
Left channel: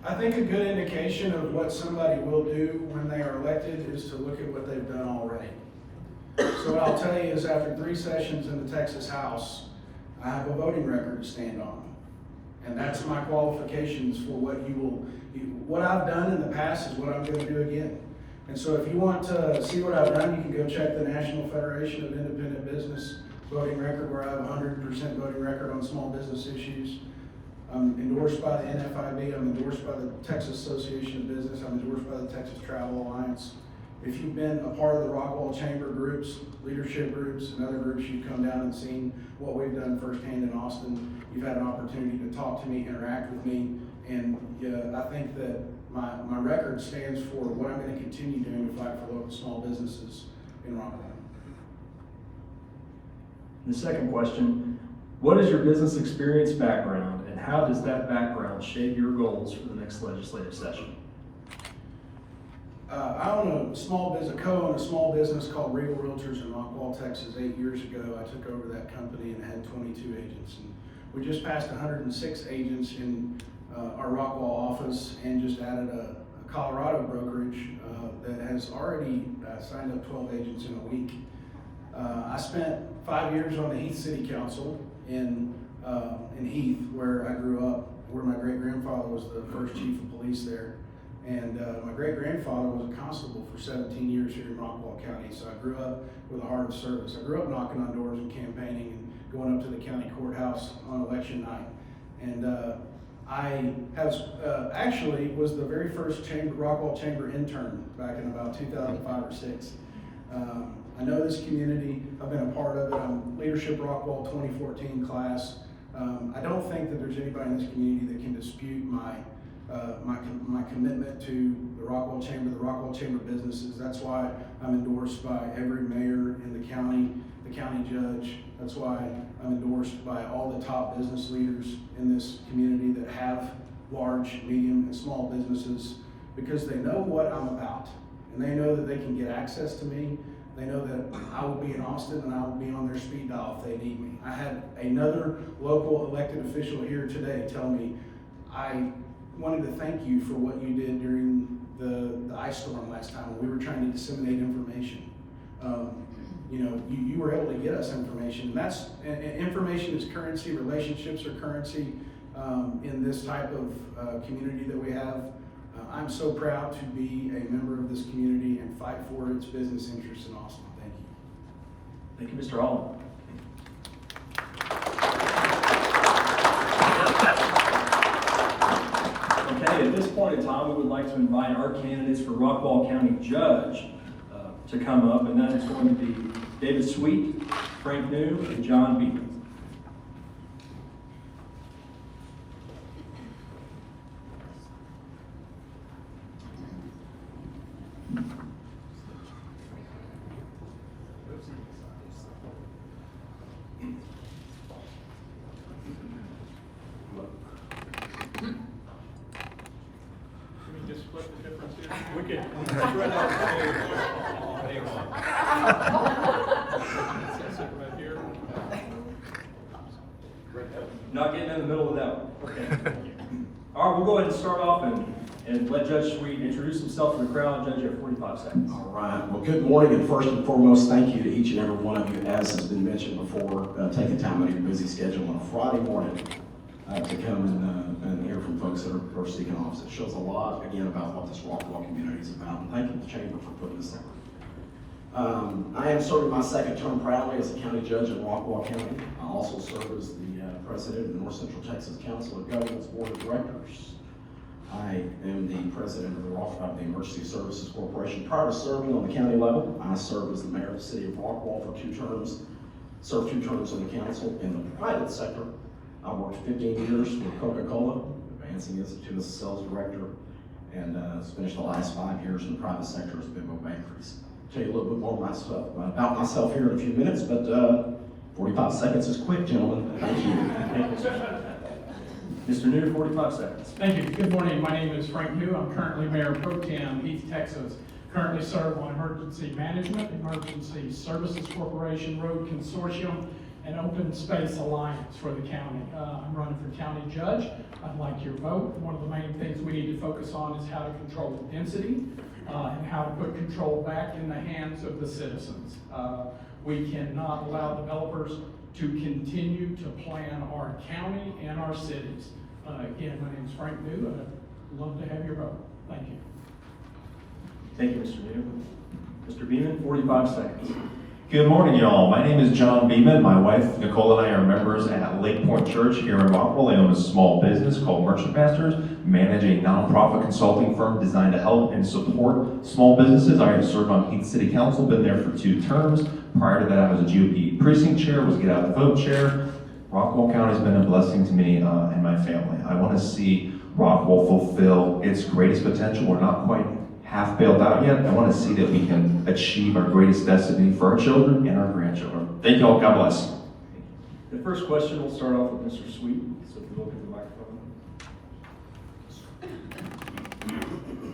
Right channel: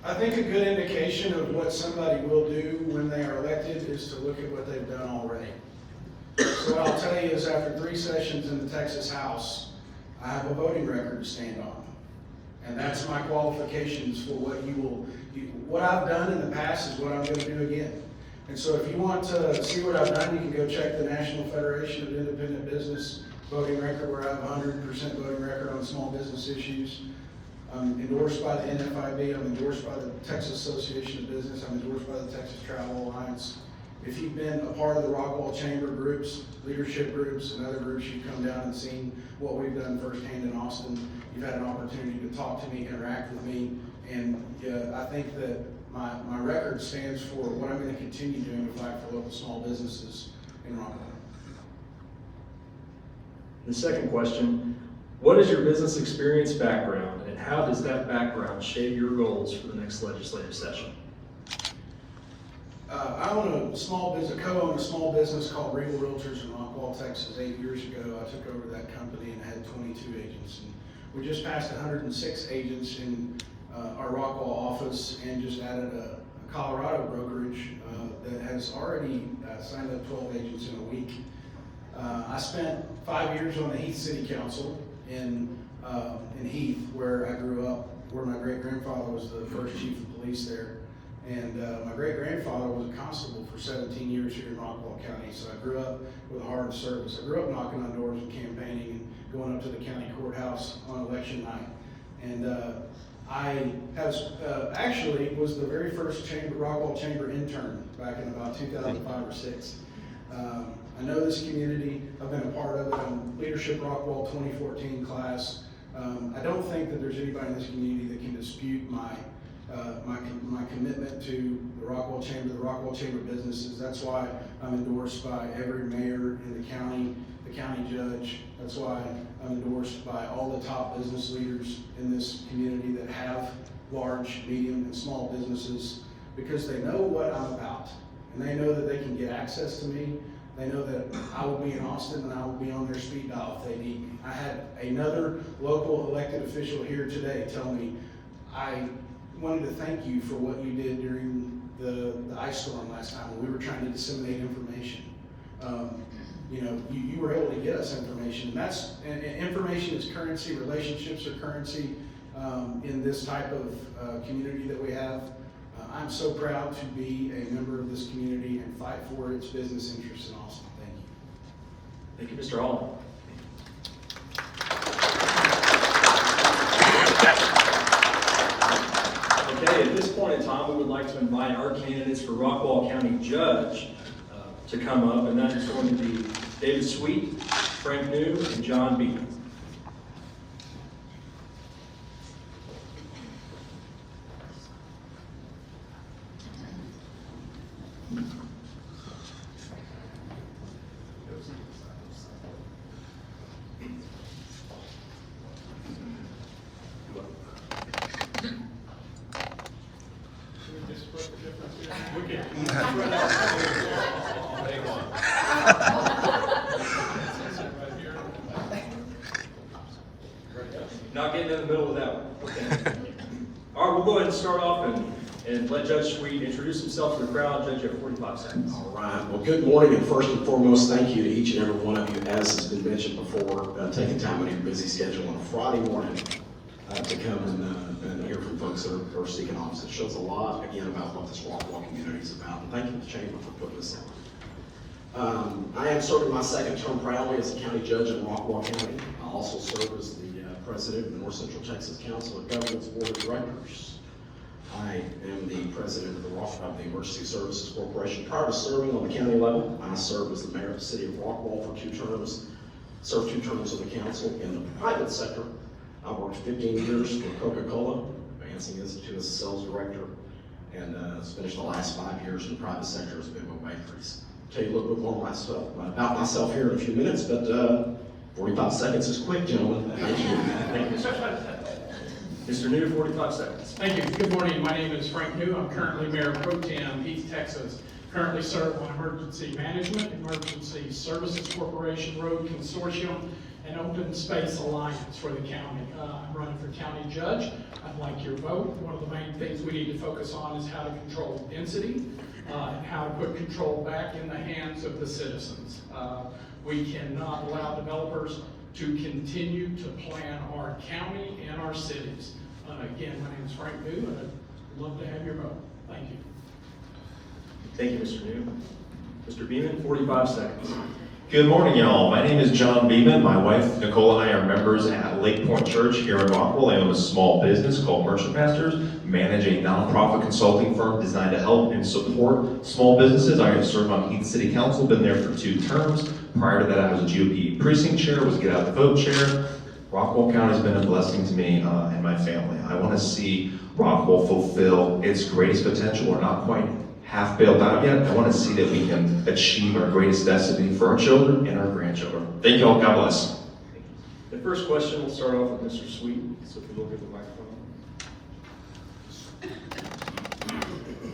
I think a good indication of what somebody will do when they are elected is to look at what they've done already. So what I'll tell you is after 3 sessions in the Texas House, I have a voting record to stand on. And that's my qualifications for what I've done in the past is what I'm going to do again. And so if you want to see what I've done, you can go check the National Federation of Independent Business voting record, where I have a 100% voting record on small business issues. I'm endorsed by the NFIB, I'm endorsed by the Texas Association of Business, I'm endorsed by the Texas Travel Alliance. If you've been a part of the Rockwall Chamber groups, leadership groups, and other groups, you've come down and seen what we've done firsthand in Austin. You've had an opportunity to talk to me, interact with me, and I think that my record stands for what I'm going to continue doing to fight for local small businesses in Rockville. The second question, what is your business experience background and how does that background shape your goals for the next legislative session? I own a small business, co-own a small business called Regal Realtors in Rockwall, Texas. 8 years ago, I took over that company and had 22 agents. And we just passed 106 agents in our Rockwall office and just added a Colorado brokerage that has already signed up 12 agents in a week. I spent 5 years on the Heath City Council in Heath, where I grew up, where my great-grandfather was the first chief of police there. And my great-grandfather was a constable for 17 years here in Rockwall County, so I grew up with a heart of service. I grew up knocking on doors and campaigning and going up to the county courthouse on election night. And I actually was the very first Rockwall Chamber intern back in about 2005 or 6. I know this community, I've been a part of it. I'm Leadership Rockwall 2014 class. I don't think that there's anybody in this community that can dispute my commitment to the Rockwall Chamber businesses. That's why I'm endorsed by every mayor in the county judge. That's why I'm endorsed by all the top business leaders in this community that have large, medium, and small businesses, because they know what I'm about. And they know that they can get access to me. They know that I will be in Austin and I will be on their speed dial if they need me. I had another local elected official here today tell me, I wanted to thank you for what you did during the ice storm last time when we were trying to disseminate information. You were able to get us information. And information is currency, relationships are currency in this type of community that we have. I'm so proud to be a member of this community and fight for its business interests in Austin. Thank you. Thank you, Mr. Holland. Okay, at this point in time, we would like to invite our candidates for Rockwall County Judge to come up, and that is going to be David Sweet, Frank New, and John Beaton. We can spread out. Hang on. Sit right here. Not getting in the middle of that one. Okay. All right, we'll go ahead and start off and let Judge Sweet introduce himself to the crowd. Judge, you have 45 seconds. All right. Well, good morning, and first and foremost, thank you to each and every one of you, as has been mentioned before, taking time out of your busy schedule on a Friday morning to come and hear from folks that are seeking office. It shows a lot, again, about what this Rockwall community is about. And thank you to the Chamber for putting this on. I am serving my second term proudly as a county judge in Rockwall County. I also serve as the president of the North Central Texas Council of Governments Board of Directors. I am the president of the Emergency Services Corporation. Prior to serving on the county level, I served as the mayor of the city of Rockwall for 2 terms, served 2 terms in the council. In the private sector, I worked 15 years for Coca-Cola, Advancing Institute as a sales director, and finished the last 5 years in the private sector as Big O Bakeries. I'll tell you a little bit more about myself here in a few minutes, but 45 seconds is quick, gentlemen. Thank you. Thank you, sir. Mr. New, 45 seconds. Thank you. Good morning. My name is Frank New. I'm currently Mayor Pro Tem, East Texas. Currently serve on Emergency Management, Emergency Services Corporation, Road Consortium, and Open Space Alliance for the county. I'm running for county judge. I'd like your vote. One of the main things we need to focus on is how to control density and how to put control back in the hands of the citizens. We cannot allow developers to continue to plan our county and our cities. Again, my name is Frank New, and I'd love to have your vote. Thank you. Thank you, Mr. New. Mr. Beeman, 45 seconds. Good morning, y'all. My name is John Beeman. My wife, Nicole, and I are members at Lake Point Church here in Rockwall. I own a small business called Merchant Pastors, manage a nonprofit consulting firm designed to help and support small businesses. I have served on Heath City Council, been there for 2 terms. Prior to that, I was a GOP precinct chair, was Get Out the Vote chair. Rockwall County has been a blessing to me and my family. I want to see Rockwall fulfill its greatest potential. We're not quite half bailed out yet. I want to see that we can achieve our greatest destiny for our children and our grandchildren. Thank you all. God bless. The first question will start off with Mr. Sweet. So if you look at the microphone.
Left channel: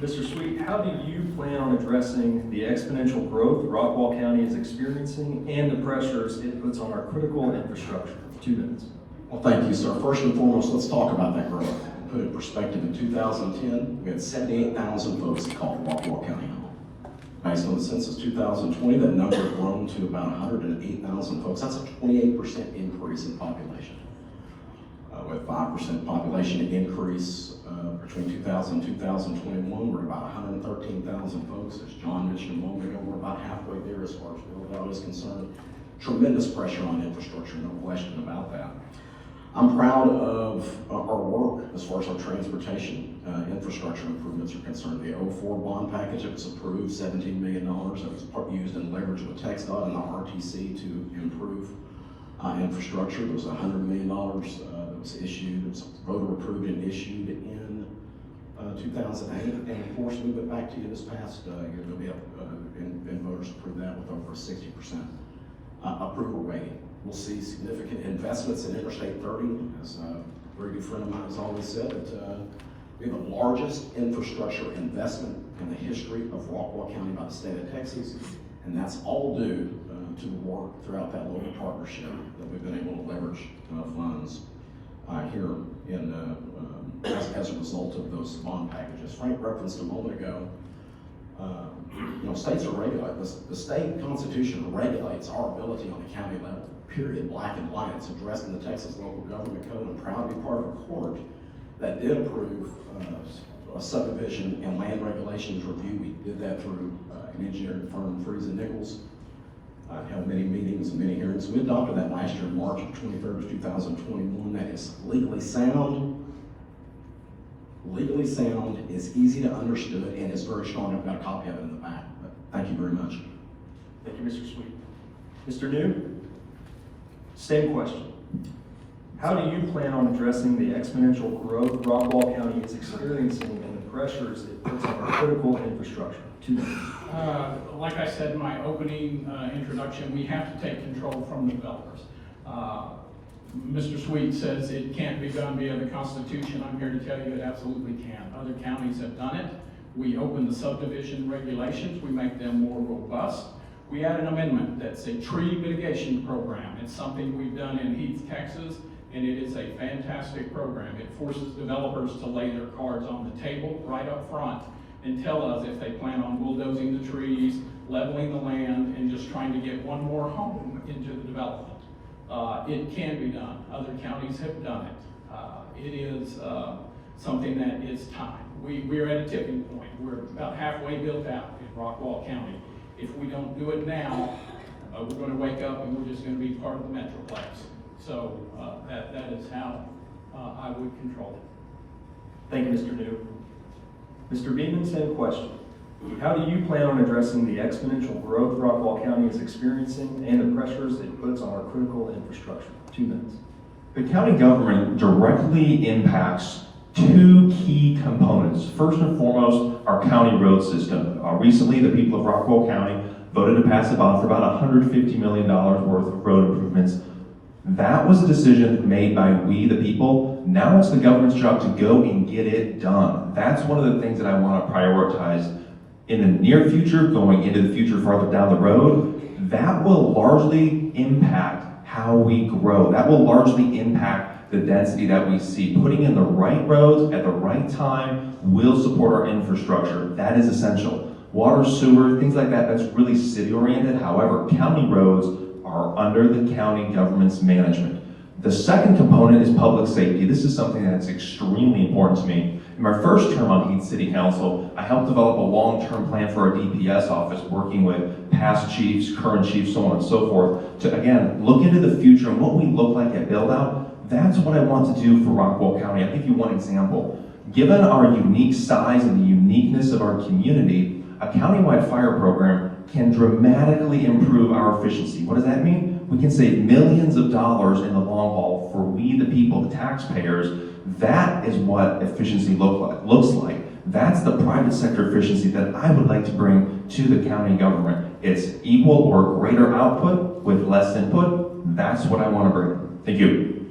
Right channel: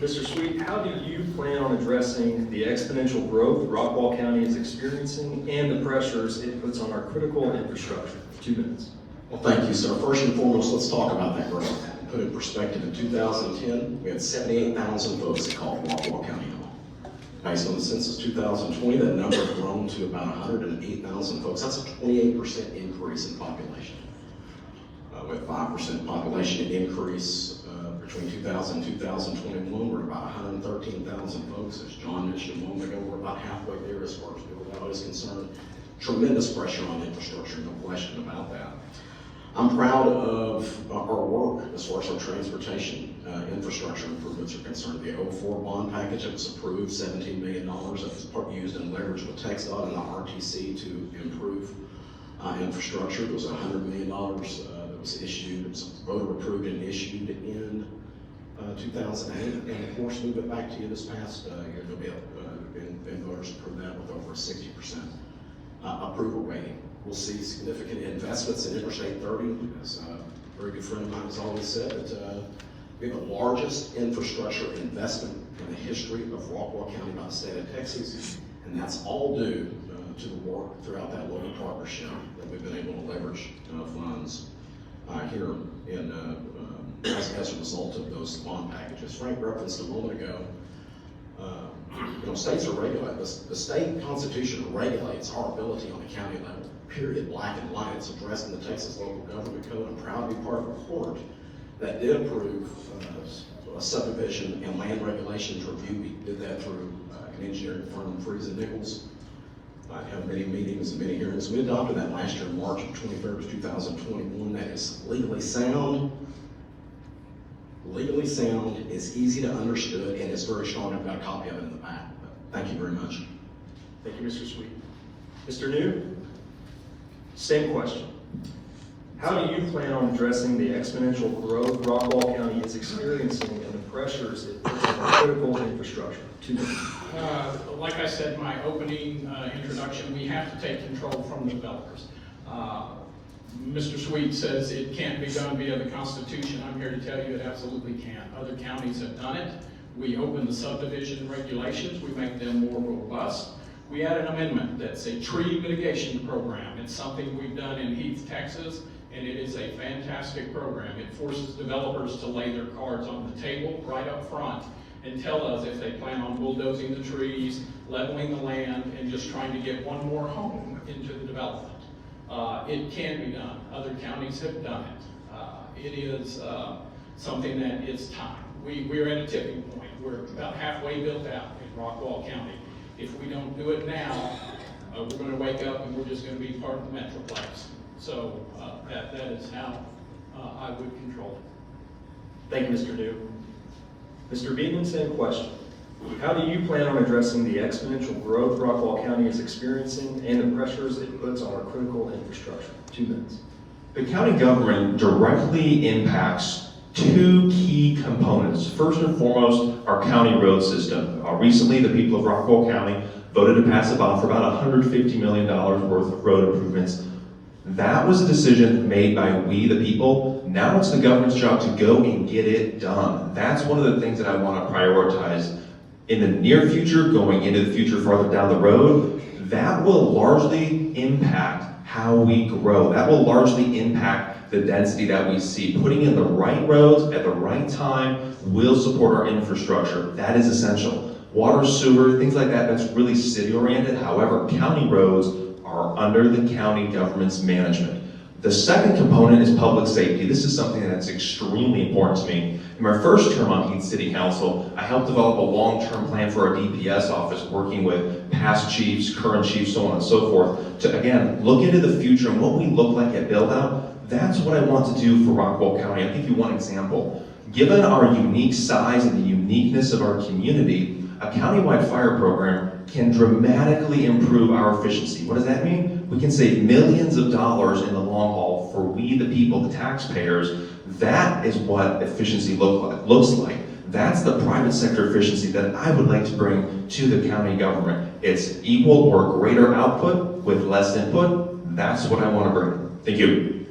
Mr. Sweet, how do you plan on addressing the exponential growth Rockwall County is experiencing and the pressures it puts on our critical infrastructure? 2 minutes. Well, thank you, sir. First and foremost, let's talk about that growth. Put it in perspective, in 2010, we had 78,000 folks that called Rockwall County home. Based on the census 2020, that number has grown to about 108,000 folks. That's a 28% increase in population. With 5% population increase between 2000 and 2021, we're about 113,000 folks. As John mentioned a moment ago, we're about halfway there as far as build-out is concerned. Tremendous pressure on infrastructure, no question about that. I'm proud of our work as far as our transportation infrastructure improvements are concerned. The 04 bond package that was approved, $17 million, that was used in leverage with TxDOT and the RTC to improve infrastructure. There was $100 million that was issued, it was voter approved and issued in 2008. And of course, move it back to you this past year, and voters approved that with over a 60% approval rating. We'll see significant investments in Interstate 30. As a very good friend of mine has always said, that we have the largest infrastructure investment in the history of Rockwall County by the state of Texas, and that's all due to the work throughout that local partnership that we've been able to leverage funds here as a result of those bond packages. Frank referenced a moment ago, states are regulated. The state constitution regulates our ability on the county level, period, black and white. It's addressed in the Texas Local Government Code. I'm proud to be part of a court that did approve a subdivision and land regulations review. We did that through an engineering firm, Freeze and Nichols. Had many meetings and many hearings. We adopted that last year, March 23rd, 2021. That is legally sound, is easy to understood, and it's very strong. I've got a copy of it in the back. But thank you very much. Thank you, Mr. Sweet. Mr. New, same question. How do you plan on addressing the exponential growth Rockwall County is experiencing and the pressures it puts on critical infrastructure? 2 minutes. Like I said in my opening introduction, we have to take control from the developers. Mr. Sweet says it can't be done via the Constitution. I'm here to tell you it absolutely can. Other counties have done it. We open the subdivision regulations. We make them more robust. We add an amendment that's a tree mitigation program. It's something we've done in Heath, Texas, and it is a fantastic program. It forces developers to lay their cards on the table right up front and tell us if they plan on bulldozing the trees, leveling the land, and just trying to get one more home into the development. It can be done. Other counties have done it. It is something that is time. We're at a tipping point. We're about halfway built out in Rockwall County. If we don't do it now, we're going to wake up and we're just going to be part of the Metroplex. So that is how I would control it. Thank you, Mr. New. Mr. Beeman, same question. How do you plan on addressing the exponential growth Rockwall County is experiencing and the pressures it puts on our critical infrastructure? 2 minutes. The county government directly impacts two key components. First and foremost, our county road system. Recently, the people of Rockwall County voted to pass a bond for about $150 million worth of road improvements. That was a decision made by we, the people. Now it's the government's job to go and get it done. That's one of the things that I want to prioritize in the near future, going into the future farther down the road. That will largely impact how we grow. That will largely impact the density that we see. Putting in the right roads at the right time will support our infrastructure. That is essential. Water, sewer, things like that, that's really city-oriented. However, county roads are under the county government's management. The second component is public safety. This is something that's extremely important to me. In my first term on Heath City Council, I helped develop a long-term plan for our DPS office, working with past chiefs, current chiefs, so on and so forth, to again, look into the future and what we look like at build-out. That's what I want to do for Rockwall County. I'll give you one example. Given our unique size and the uniqueness of our community, a countywide fire program can dramatically improve our efficiency. What does that mean? We can save millions of dollars in the long haul for we, the people, the taxpayers. That is what efficiency looks like. That's the private sector efficiency that I would like to bring to the county government. It's equal or greater output with less input. That's what I want to bring. Thank you.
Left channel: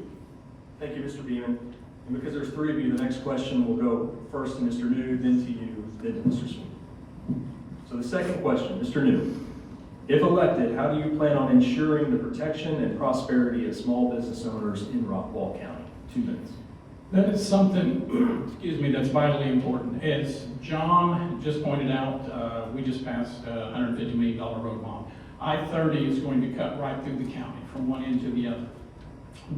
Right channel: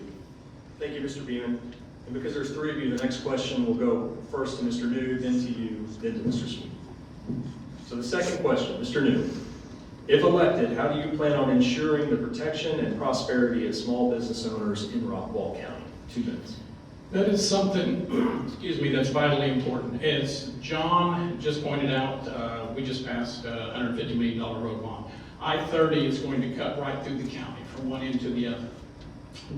Thank you, Mr. Beeman. And because there's 3 of you, the next question will go first to Mr. New, then to you, then to Mr. Sweet. So the second question, Mr. New. If elected, how do you plan on ensuring the protection and prosperity of small business owners in Rockwall County? 2 minutes. That is something, excuse me, that's vitally important. As John just pointed out, we just passed a $150 million road bond. I-30 is going to cut right through the county from one end to the other.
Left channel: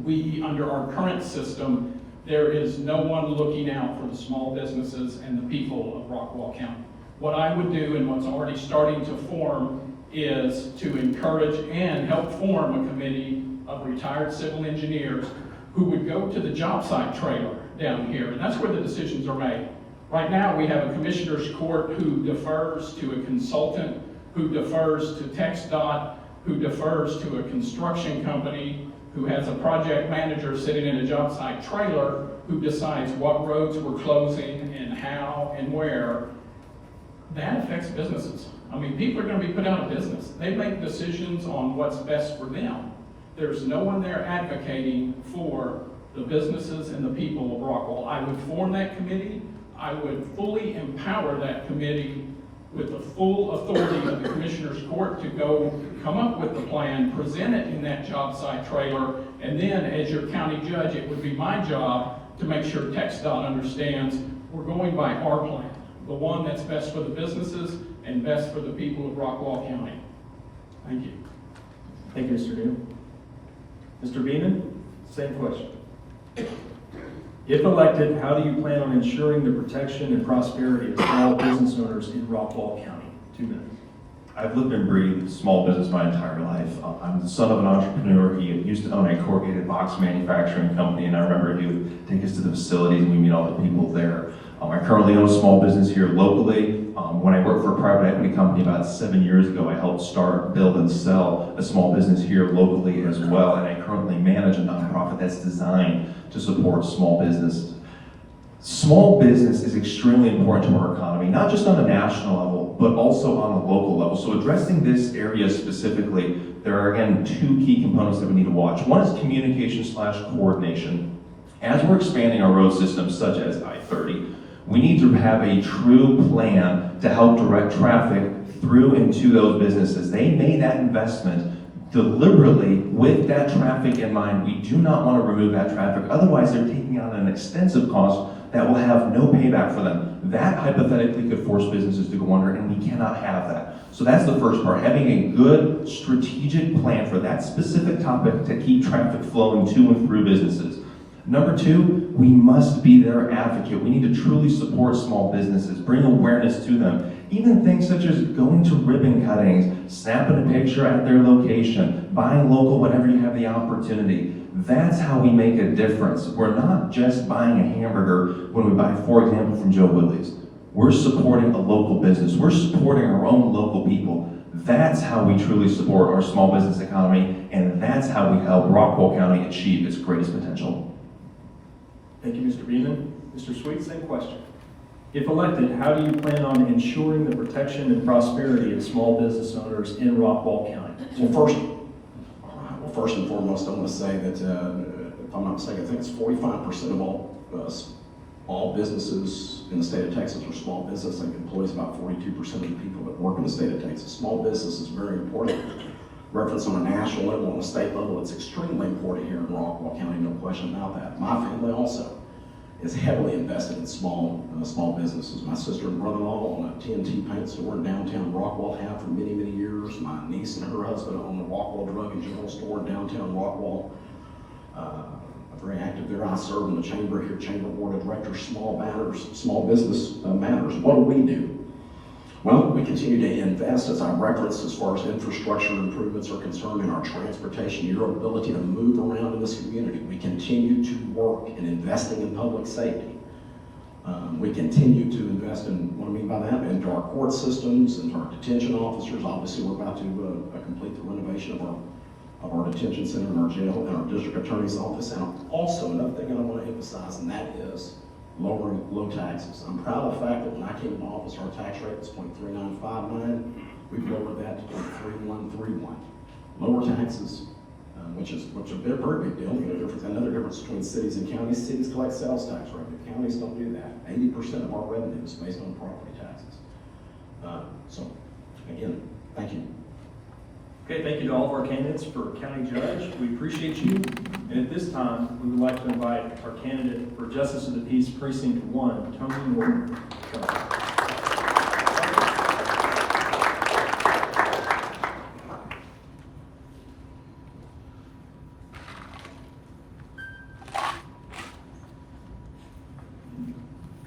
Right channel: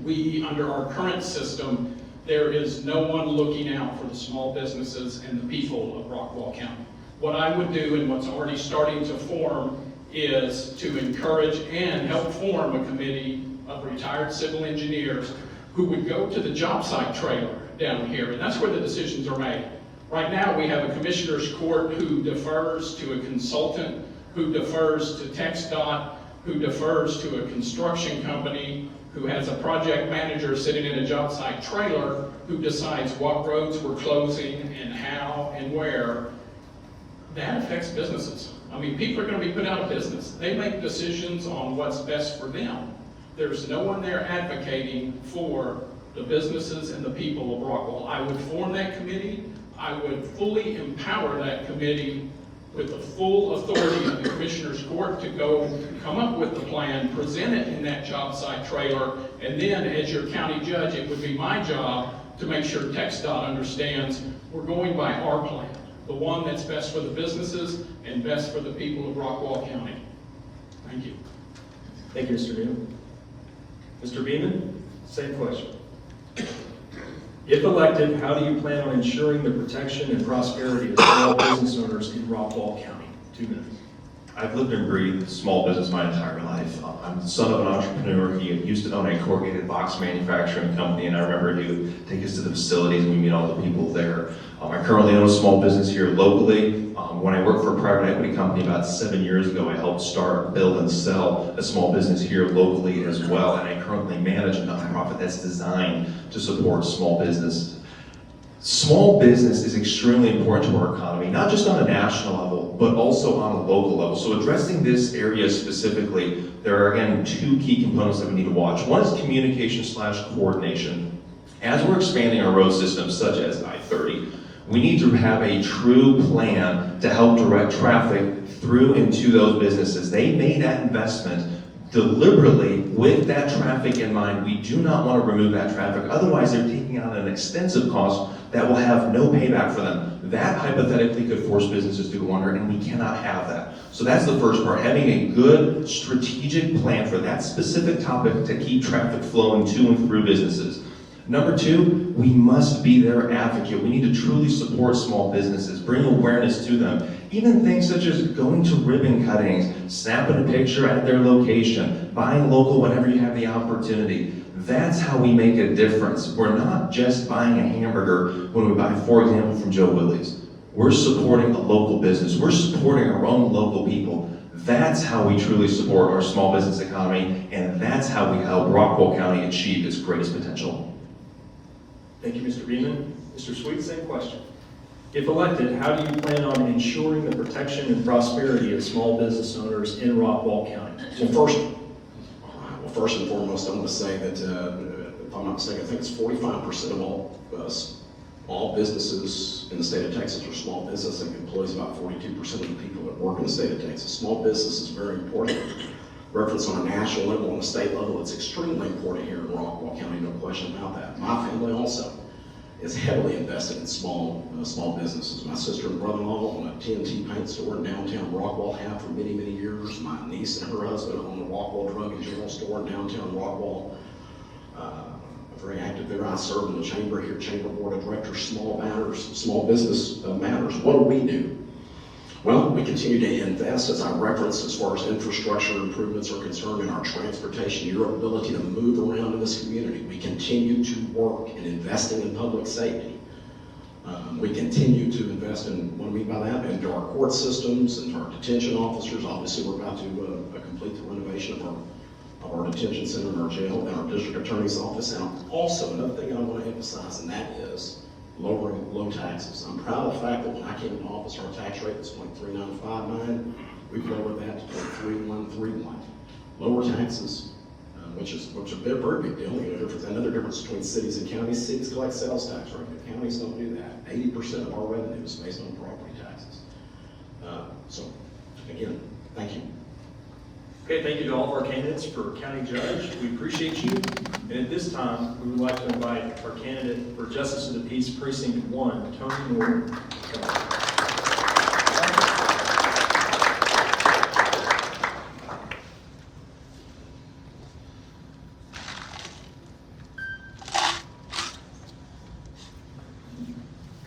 We, under our current system, there is no one looking out for the small businesses and the people of Rockwall County. What I would do, and what's already starting to form, is to encourage and help form a committee of retired civil engineers who would go to the job site trailer down here, and that's where the decisions are made. Right now, we have a commissioner's court who defers to a consultant, who defers to TxDOT, who defers to a construction company, who has a project manager sitting in a job site trailer who decides what roads we're closing and how and where. That affects businesses. I mean, people are going to be put out of business. They make decisions on what's best for them. There's no one there advocating for the businesses and the people of Rockwall. I would form that committee. I would fully empower that committee with the full authority of the Commissioner's Court to go come up with the plan, present it in that job site trailer, and then as your county judge, it would be my job to make sure TxDOT understands we're going by our plan, the one that's best for the businesses and best for the people of Rockwall County. Thank you. Thank you, Mr. New. Mr. Beeman, same question. If elected, how do you plan on ensuring the protection and prosperity of small business owners in Rothball County? 2 minutes. I've lived and breathed small business my entire life. I'm the son of an entrepreneur. He used to own a corrugated box manufacturing company, and I remember he would take us to the facilities and we meet all the people there. I currently own a small business here locally. When I worked for a private equity company about 7 years ago, I helped start, build, and sell a small business here locally as well, and I currently manage a nonprofit that's designed to support small business. Small business is extremely important to our economy, not just on a national level, but also on a local level. So addressing this area specifically, there are again 2 key components that we need to watch. One is communication/coordination. As we're expanding our road systems, such as I-30, we need to have a true plan to help direct traffic through and to those businesses. They made that investment deliberately with that traffic in mind. We do not want to remove that traffic. Otherwise, they're taking on an extensive cost that will have no payback for them. That hypothetically could force businesses to go under, and we cannot have that. So that's the first part, having a good strategic plan for that specific topic to keep traffic flowing to and through businesses. Number two, we must be their advocate. We need to truly support small businesses, bring awareness to them. Even things such as going to ribbon cuttings, snapping a picture at their location, buying local whenever you have the opportunity. That's how we make a difference. We're not just buying a hamburger when we buy, for example, from Joe Willie's. We're supporting a local business. We're supporting our own local people. That's how we truly support our small business economy, and that's how we help Rockwall County achieve its greatest potential. Thank you, Mr. Beeman. Mr. Sweet, same question. If elected, how do you plan on ensuring the protection and prosperity of small business owners in Rockwall County? Well, first and foremost, I want to say that, if I'm not mistaken, I think it's 45% of all businesses in the state of Texas are small business. I think employs about 42% of the people that work in the state of Texas. Small business is very important. Reference on a national level, on the state level, it's extremely important here in Rockwall County, no question about that. My family also is heavily invested in small businesses. My sister and brother-in-law own a TNT paint store in downtown Rockwall, have for many, many years. My niece and her husband own a Rockwall drug and general store in downtown Rockwall. Very active there. I serve in the chamber here, chamber board of directors, small business matters. What do? Well, we continue to invest, as I referenced, as far as infrastructure improvements are concerned, in our transportation, your ability to move around in this community. We continue to work in investing in public safety. We continue to invest in, what do I mean by that? Into our court systems, into our detention officers. Obviously, we're about to complete the renovation of our detention center and our jail and our district attorney's office. And also, another thing that I want to emphasize, and that is lowering low taxes. I'm proud of the fact that when I came into office, our tax rate was 0.3959. We've lowered that to 0.3131. Lower taxes, which is a very big deal. Another difference between cities and counties. Cities collect sales tax revenue. Counties don't do that. 80% of our revenue is based on property taxes. So, again, thank you. Okay, thank you to all of our candidates for county judge. We appreciate you. And at this time, we would like to invite our candidate for Justice of the Peace, Precinct 1, Tony Norton.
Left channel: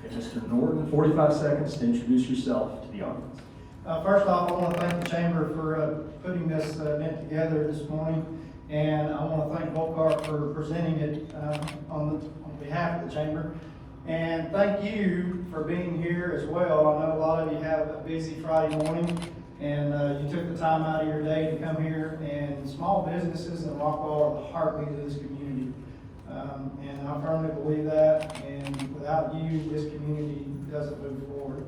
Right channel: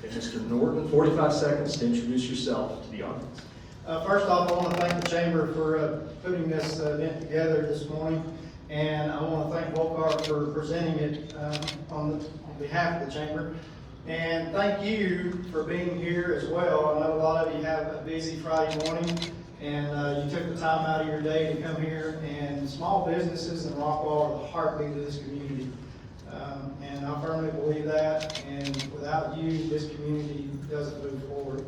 Okay, Mr. Norton, 45 seconds to introduce yourself to the audience. First off, I want to thank the Chamber for putting this event together this morning, and I want to thank Volcar for presenting it on behalf of the Chamber. And thank you for being here as well. I know a lot of you have a busy Friday morning, and you took the time out of your day to come here, and small businesses in Rockwall are the heartbeat of this community. And I firmly believe that, and without you, this community doesn't move forward.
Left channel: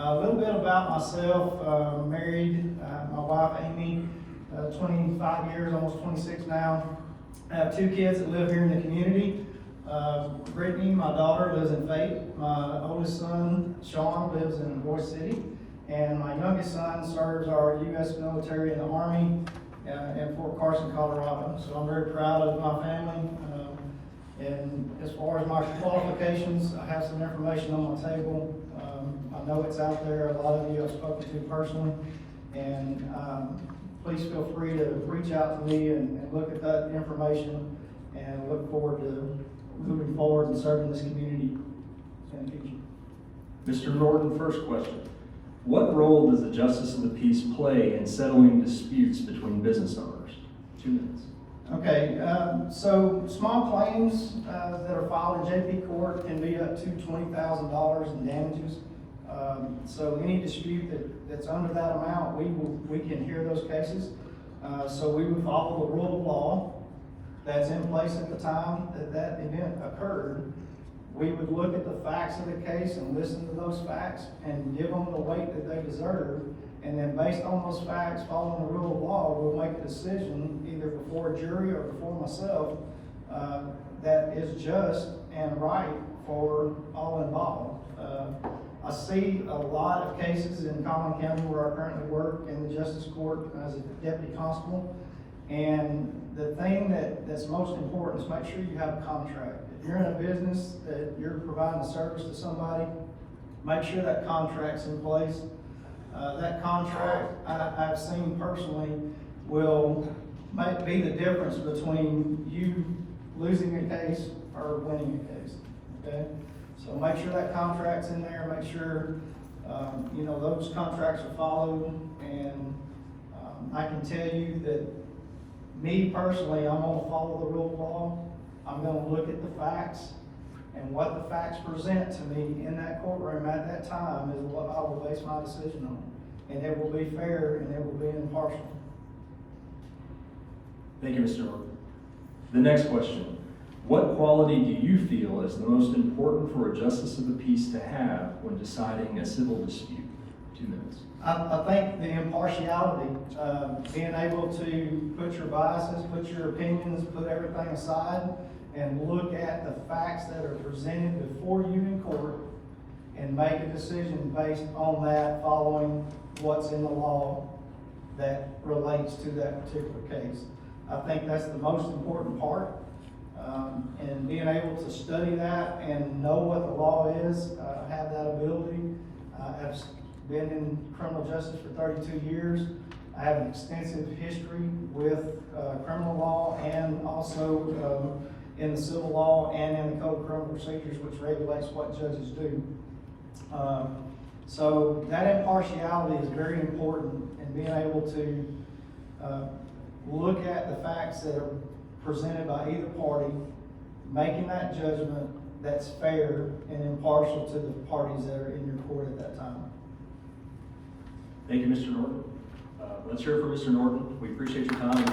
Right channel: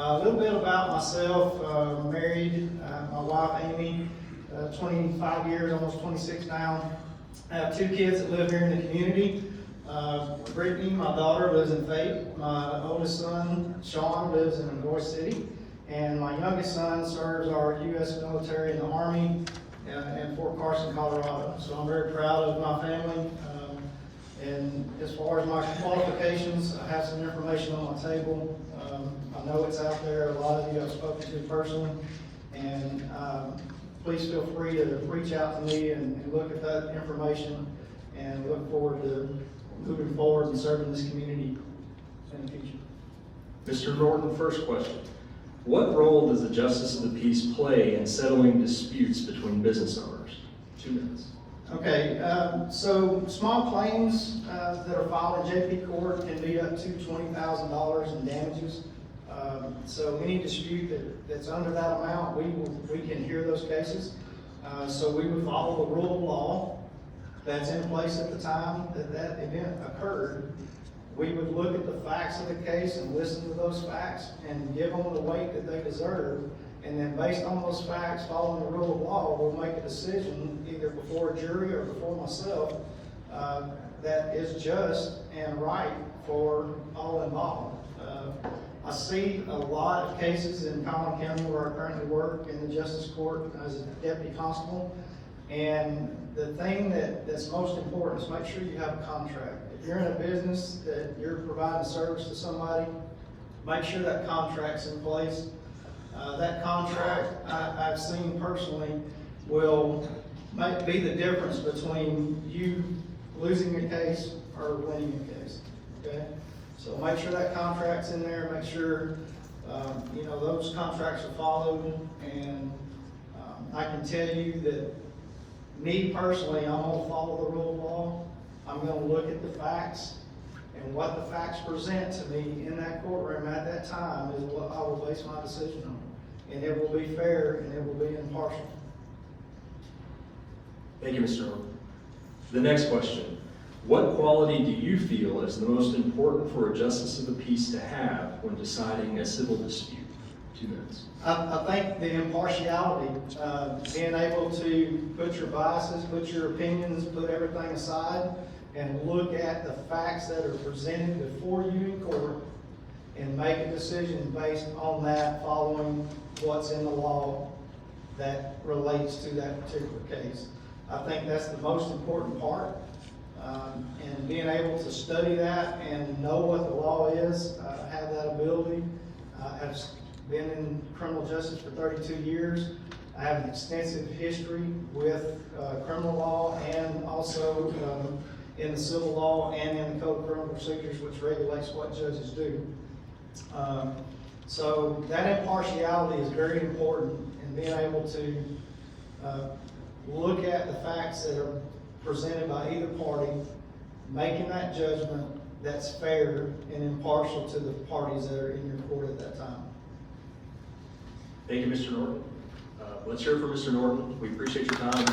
A little bit about myself. Married, my wife Amy, 25 years, almost 26 now. I have 2 kids that live here in the community. Brittany, my daughter, lives in Fate. My oldest son, Sean, lives in Dubois City. And my youngest son serves our U.S. military in the Army in Fort Carson, Colorado. So I'm very proud of my family. And as far as my qualifications, I have some information on my table. I know it's out there. A lot of you I've spoken to personally. And please feel free to reach out to me and look at that information. And I look forward to moving forward and serving this community in the future. Mr. Norton, first question. What role does the Justice of the Peace play in settling disputes between business owners? 2 minutes. Okay, so small claims that are filed in JP court can be up to $20,000 in damages. So any dispute that's under that amount, we can hear those cases. So we would follow the rule of law that's in place at the time that event occurred. We would look at the facts of the case and listen to those facts and give them the weight that they deserve. And then based on those facts, following the rule of law, we'll make a decision either before a jury or before myself that is just and right for all involved. I see a lot of cases in Collin County where I currently work in the Justice Court as a deputy constable. And the thing that's most important is make sure you have a contract. If you're in a business that you're providing a service to somebody, make sure that contract's in place. That contract, I've seen personally, will be the difference between you losing a case or winning a case, okay? So make sure that contract's in there, make sure, you know, those contracts are followed, and I can tell you that me personally, I'm gonna follow the rule of law. I'm gonna look at the facts, and what the facts present to me in that courtroom at that time is what I will base my decision on. And it will be fair and it will be impartial. Thank you, Mr. Norton. The next question. What quality do you feel is the most important for a justice of the peace to have when deciding a civil dispute? 2 minutes. I think the impartiality, being able to put your biases, put your opinions, put everything aside, and look at the facts that are presented before you in court, and make a decision based on that, following what's in the law that relates to that particular case. I think that's the most important part. And being able to study that and know what the law is, have that ability. I've been in criminal justice for 32 years. I have an extensive history with criminal law, and also in the civil law and in the Code of Criminal Procedures, which regulates what judges do. So that impartiality is very important, and being able to look at the facts that are presented by either party, making that judgment that's fair and impartial to the parties that are in your court at that time. Thank you, Mr. Norton. Let's hear it from Mr. Norton. We appreciate your time. Thank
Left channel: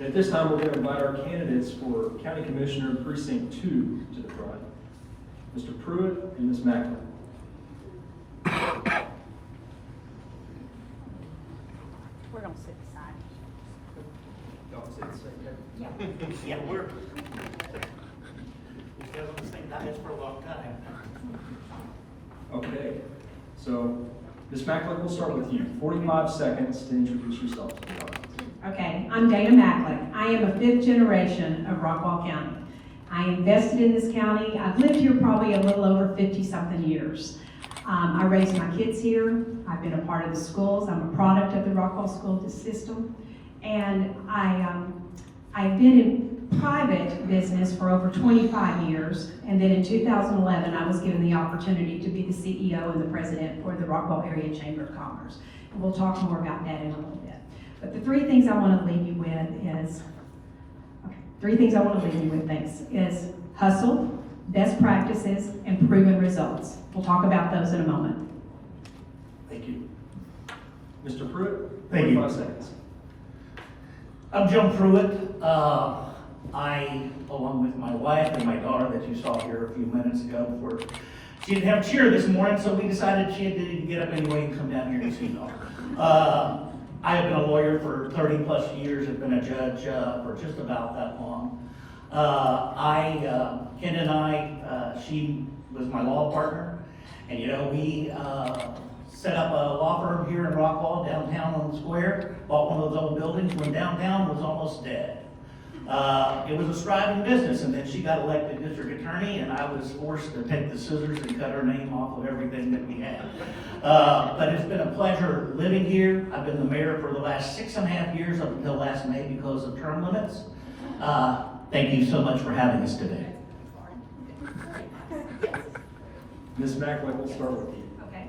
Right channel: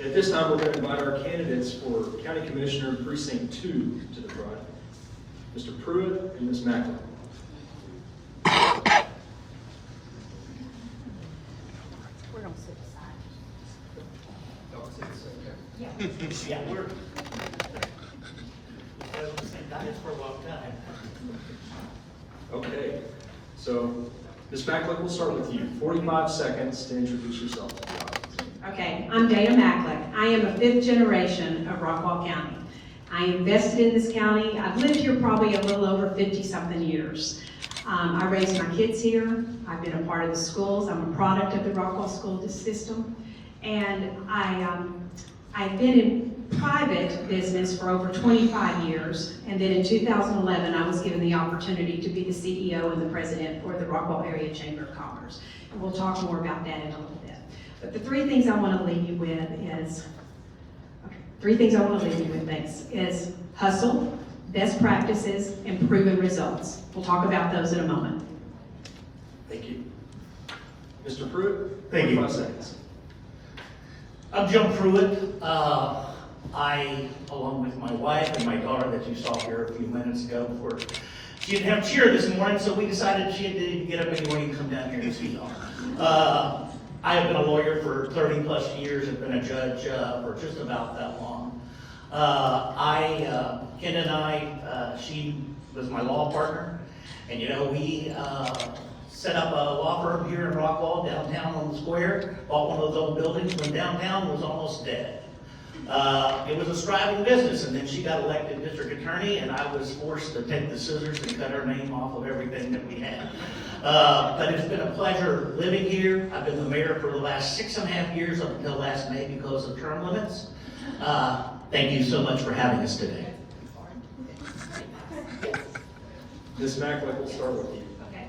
you. At this time, we're going to invite our candidates for County Commissioner Precinct 2 to the front. Mr. Pruitt and Ms. Macklin. We're going to sit beside each Y'all sit the same way. other. Yeah, we're, we've been on the same diet for a long time. Okay, so Ms. Macklin, we'll start with you. 45 seconds to introduce yourself. Okay, I'm Dana Macklin. I am a 5th generation of Rockwall County. I invested in this county. I've lived here probably a little over 50-something years. I raised my kids here. I've been a part of the schools. I'm a product of the Rockwall school system. And I've been in private business for over 25 years. And then in 2011, I was given the opportunity to be the CEO and the president for the Rockwall Area Chamber of Commerce. And we'll talk more about that in a little bit. But the 3 things I want to leave you with is, thanks, is hustle, best practices, and proven results. We'll talk about those in a moment. Thank you. Mr. Pruitt, Thank you. 45 seconds. I'm Jim Pruitt. I, along with my wife and my daughter that you saw here a few minutes ago, she didn't have cheer this morning, so we decided she needed to get up anyway and come down here and see y'all. I have been a lawyer for 30 plus years. I've been a judge for just about that long. Ken and I, she was my law partner, and you know, we set up a law firm here in Rockwall, downtown on the square, bought one of those old buildings when downtown was almost dead. It was a striving business, and then she got elected district attorney, and I was forced to take the scissors and cut her name off of everything that we had. But it's been a pleasure living here. I've been the mayor for the last 6.5 years up until last May because of term limits. Thank you so much for having us today. Ms. Macklin, we'll start with you. Okay.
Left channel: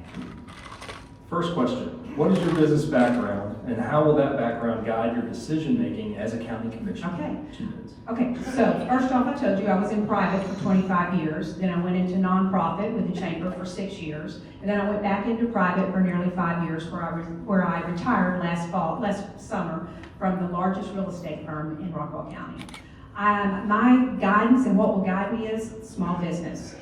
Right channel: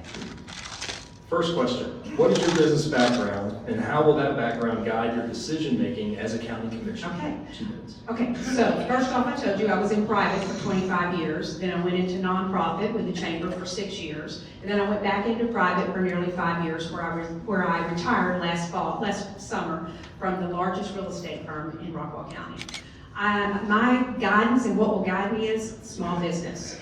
First question, what is your business background, and how will that background guide your decision-making as a county commissioner? Okay. 2 minutes. Okay, so first off, I told you I was in private for 25 years. Then I went into nonprofit with the chamber for 6 years. And then I went back into private for nearly 5 years, where I retired last summer from the largest real estate firm in Rockwall County. My guidance and what will guide me is small business.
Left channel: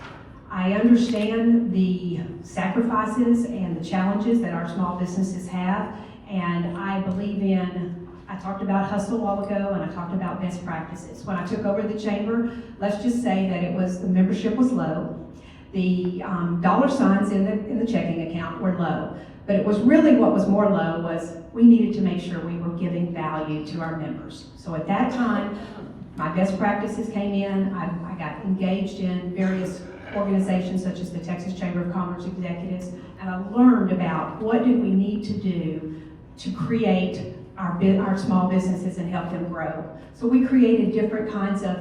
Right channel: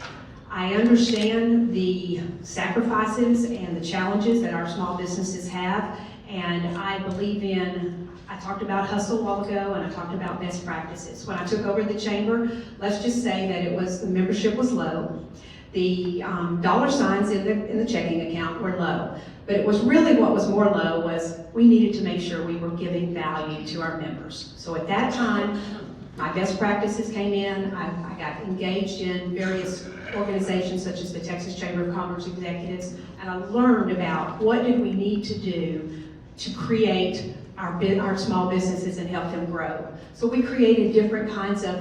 I understand the sacrifices and the challenges that our small businesses have, and I believe I talked about hustle a while ago, and I talked about best practices. When I took over the chamber, let's just say that the membership was low. The dollar signs in the checking account were low, but it was really what was more low was we needed to make sure we were giving value to our members. So at that time, my best practices came in. I got engaged in various organizations such as the Texas Chamber of Commerce Executives, and I learned about what did we need to do to create our small businesses and help them grow. So we created different kinds of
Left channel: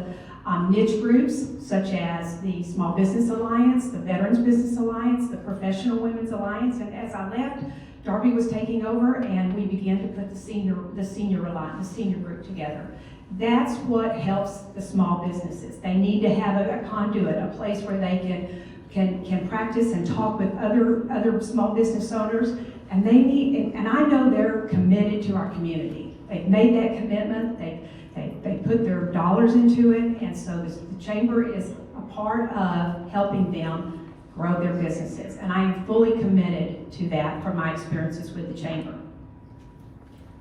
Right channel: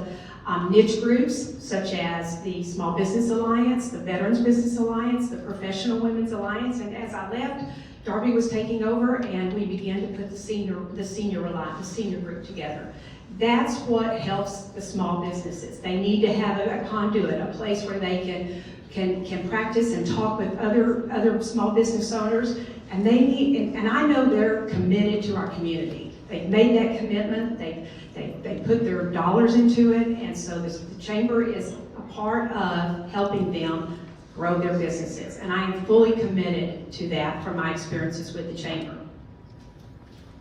niche groups, such as the Small Business Alliance, the Veterans Business Alliance, the Professional Women's Alliance, and as I left, Darby was taking over, and we began to put the senior group together. That's what helps the small businesses. They need to have a conduit, a place where they can practice and talk with other small business owners, and they need, and I know they're committed to our community. They've made that commitment. They put their dollars into it, and so the chamber is a part of helping them grow their businesses. And I am fully committed to that from my experiences with the chamber.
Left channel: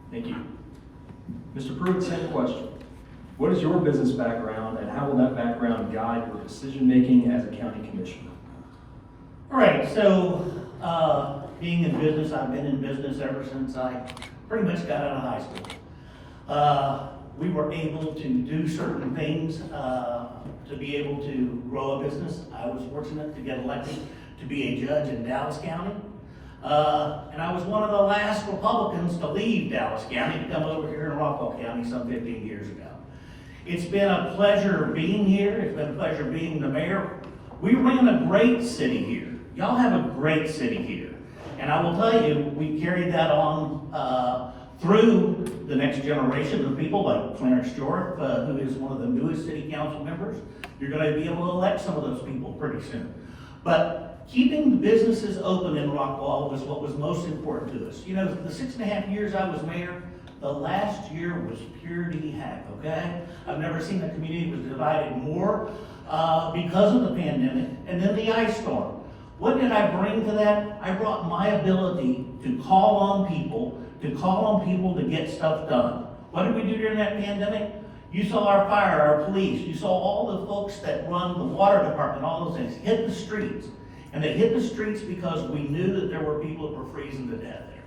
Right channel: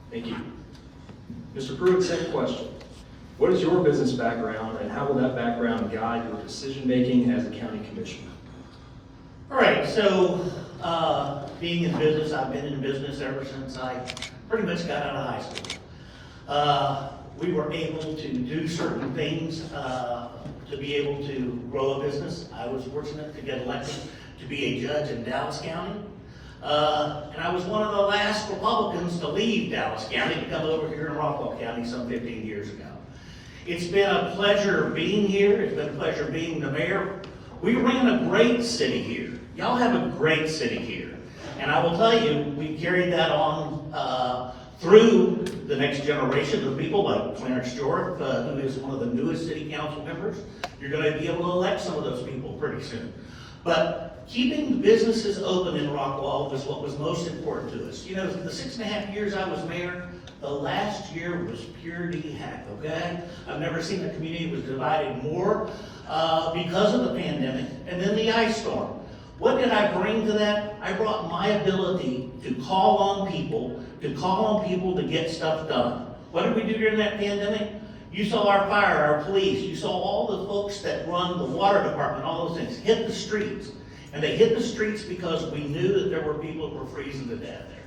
Thank you. Mr. Pruitt, same question. What is your business background, and how will that background guide your decision-making as a county commissioner? All right, so being in business, I've been in business ever since I pretty much got out of high school. We were able to do certain things to be able to grow a business. I was fortunate to get elected to be a judge in Dallas County. And I was one of the last Republicans to leave Dallas County to come over here in Rockwall County some 15 years ago. It's been a pleasure being here. It's been a pleasure being the mayor. We ran a great city here. Y'all have a great city here. And I will tell you, we carried that on through the next generation of people like Clarence Jorth, who is one of the newest city council members. You're going to be able to elect some of those people pretty soon. But keeping businesses open in Rockwall was what was most important to us. You know, the 6.5 years I was mayor, the last year was pure heck, okay? I've never seen a community was divided more because of the pandemic and then the ice storm. What did I bring to that? I brought my ability to call on people to get stuff done. What did we do during that pandemic? You saw our fire, our police, you saw all the folks that run the water department, all those things, hit the streets. And they hit the streets because we knew that there were people that were freezing to death there.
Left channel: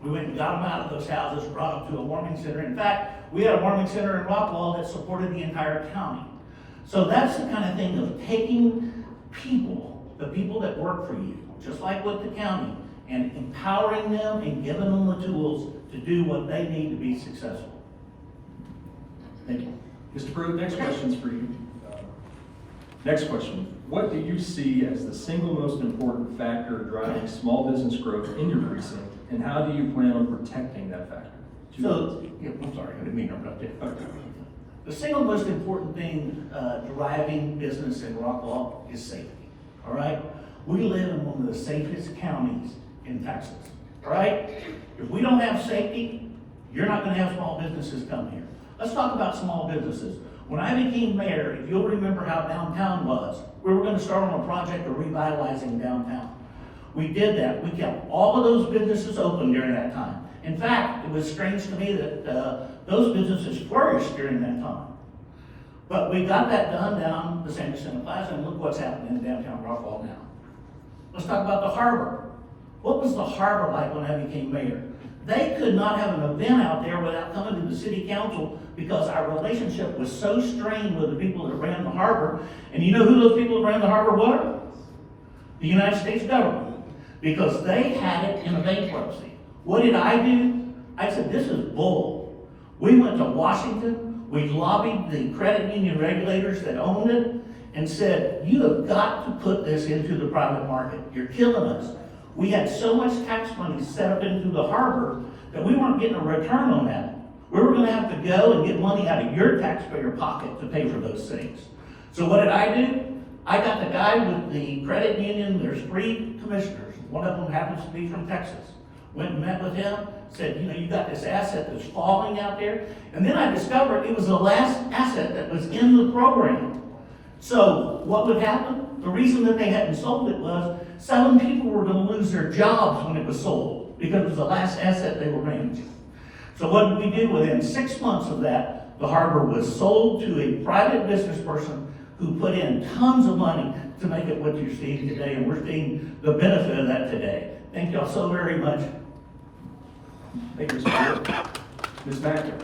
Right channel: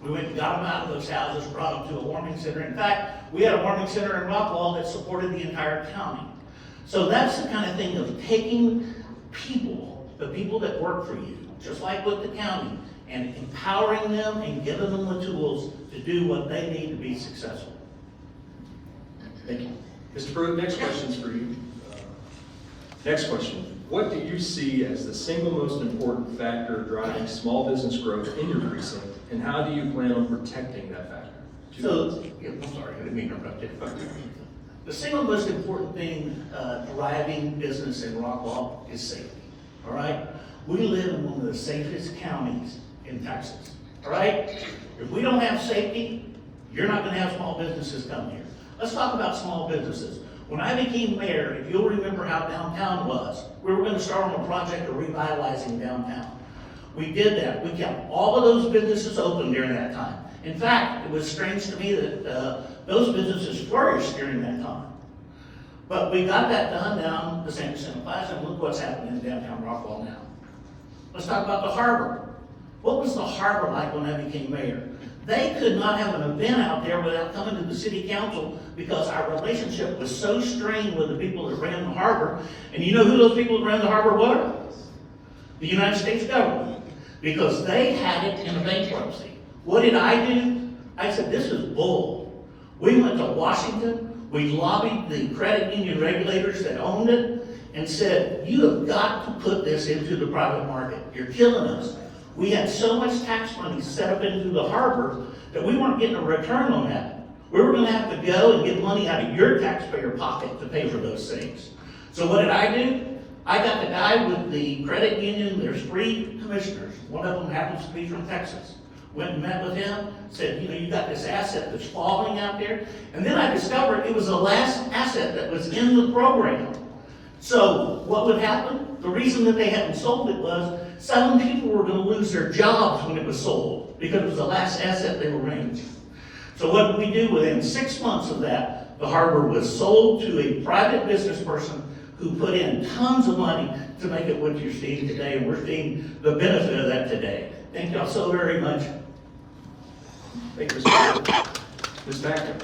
We went and got them out of those houses, brought them to a warming center. In fact, we had a warming center in Rockwall that supported the entire county. So that's the kind of thing of taking people, the people that work for you, just like with the county, and empowering them and giving them the tools to do what they need to be successful. Thank you. Mr. Pruitt, next question's for you. Next question. What do you see as the single most important factor driving small business growth in your precinct, and how do you plan on protecting that factor? So, I'm sorry, I didn't mean to interrupt you. The single most important thing driving business in Rockwall is safety, all right? We live in one of the safest counties in Texas, all right? If we don't have safety, you're not gonna have small businesses come here. Let's talk about small businesses. When I became mayor, if you'll remember how downtown was, we were gonna start on a project of revitalizing downtown. We did that. We kept all of those businesses open during that time. In fact, it was strange to me that those businesses flourished during that time. But we got that done down the Sanderson Plaza, and look what's happening in downtown Rockwall now. Let's talk about the harbor. What was the harbor like when I became mayor? They could not have an event out there without coming to the city council because our relationship was so strained with the people that ran the harbor. And you know who those people that ran the harbor were? The United States government. Because they had it in a bankruptcy. What did I do? I said, this is bull. We went to Washington, we lobbied the credit union regulators that owned it, and said, you have got to put this into the private market. You're killing us. We had so much tax money set up into the harbor that we weren't getting a return on that. We were gonna have to go and get money out of your taxpayer pocket to pay for those things. So what did I do? I got the guy with the credit union, there's 3 commissioners. One of them happens to be from Texas. Went and met with him, said, you know, you got this asset that's falling out there. And then I discovered it was the last asset that was in the program. So what would happen? The reason that they hadn't sold it was 7 people were gonna lose their jobs when it was sold because it was the last asset they were managing. So what did we do? Within 6 months of that, the harbor was sold to a private business person who put in tons of money to make it what you're seeing today, and we're seeing the benefit of that today. Thank y'all so very much. Thank you, Mr. Pruitt. Ms. Backer,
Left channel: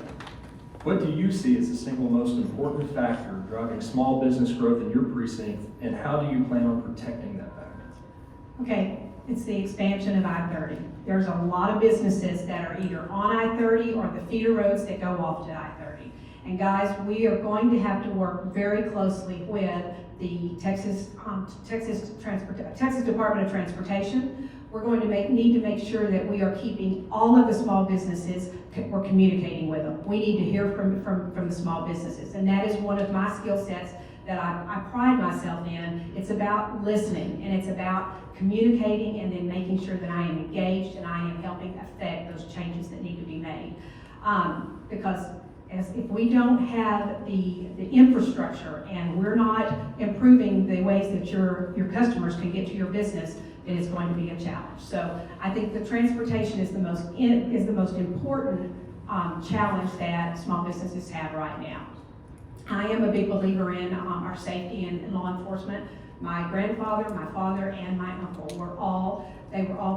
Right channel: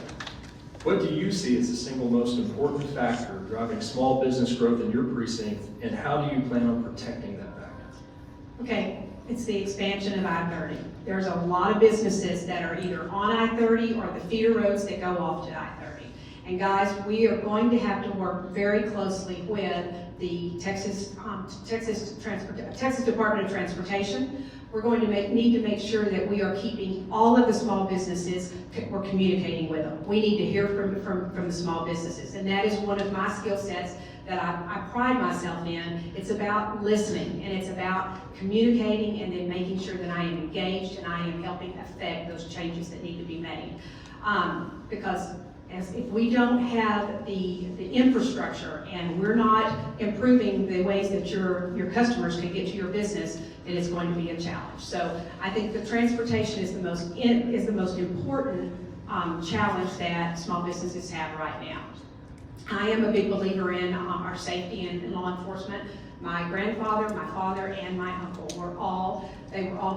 what do you see as the single most important factor driving small business growth in your precinct, and how do you plan on protecting that factor? Okay, it's the expansion of I-30. There's a lot of businesses that are either on I-30 or the feeder roads that go off to I-30. And guys, we are going to have to work very closely with the Texas Department of Transportation. We're going to need to make sure that we are keeping all of the small businesses, we're communicating with them. We need to hear from the small businesses. And that is one of my skill sets that I pride myself in. It's about listening, and it's about communicating, and then making sure that I am engaged and I am helping affect those changes that need to be made. Because if we don't have the infrastructure and we're not improving the ways that your customers can get to your business, then it's going to be a challenge. So I think the transportation is the most important challenge that small businesses have right now. I am a big believer in our safety and law enforcement. My grandfather, my father, and my uncle were all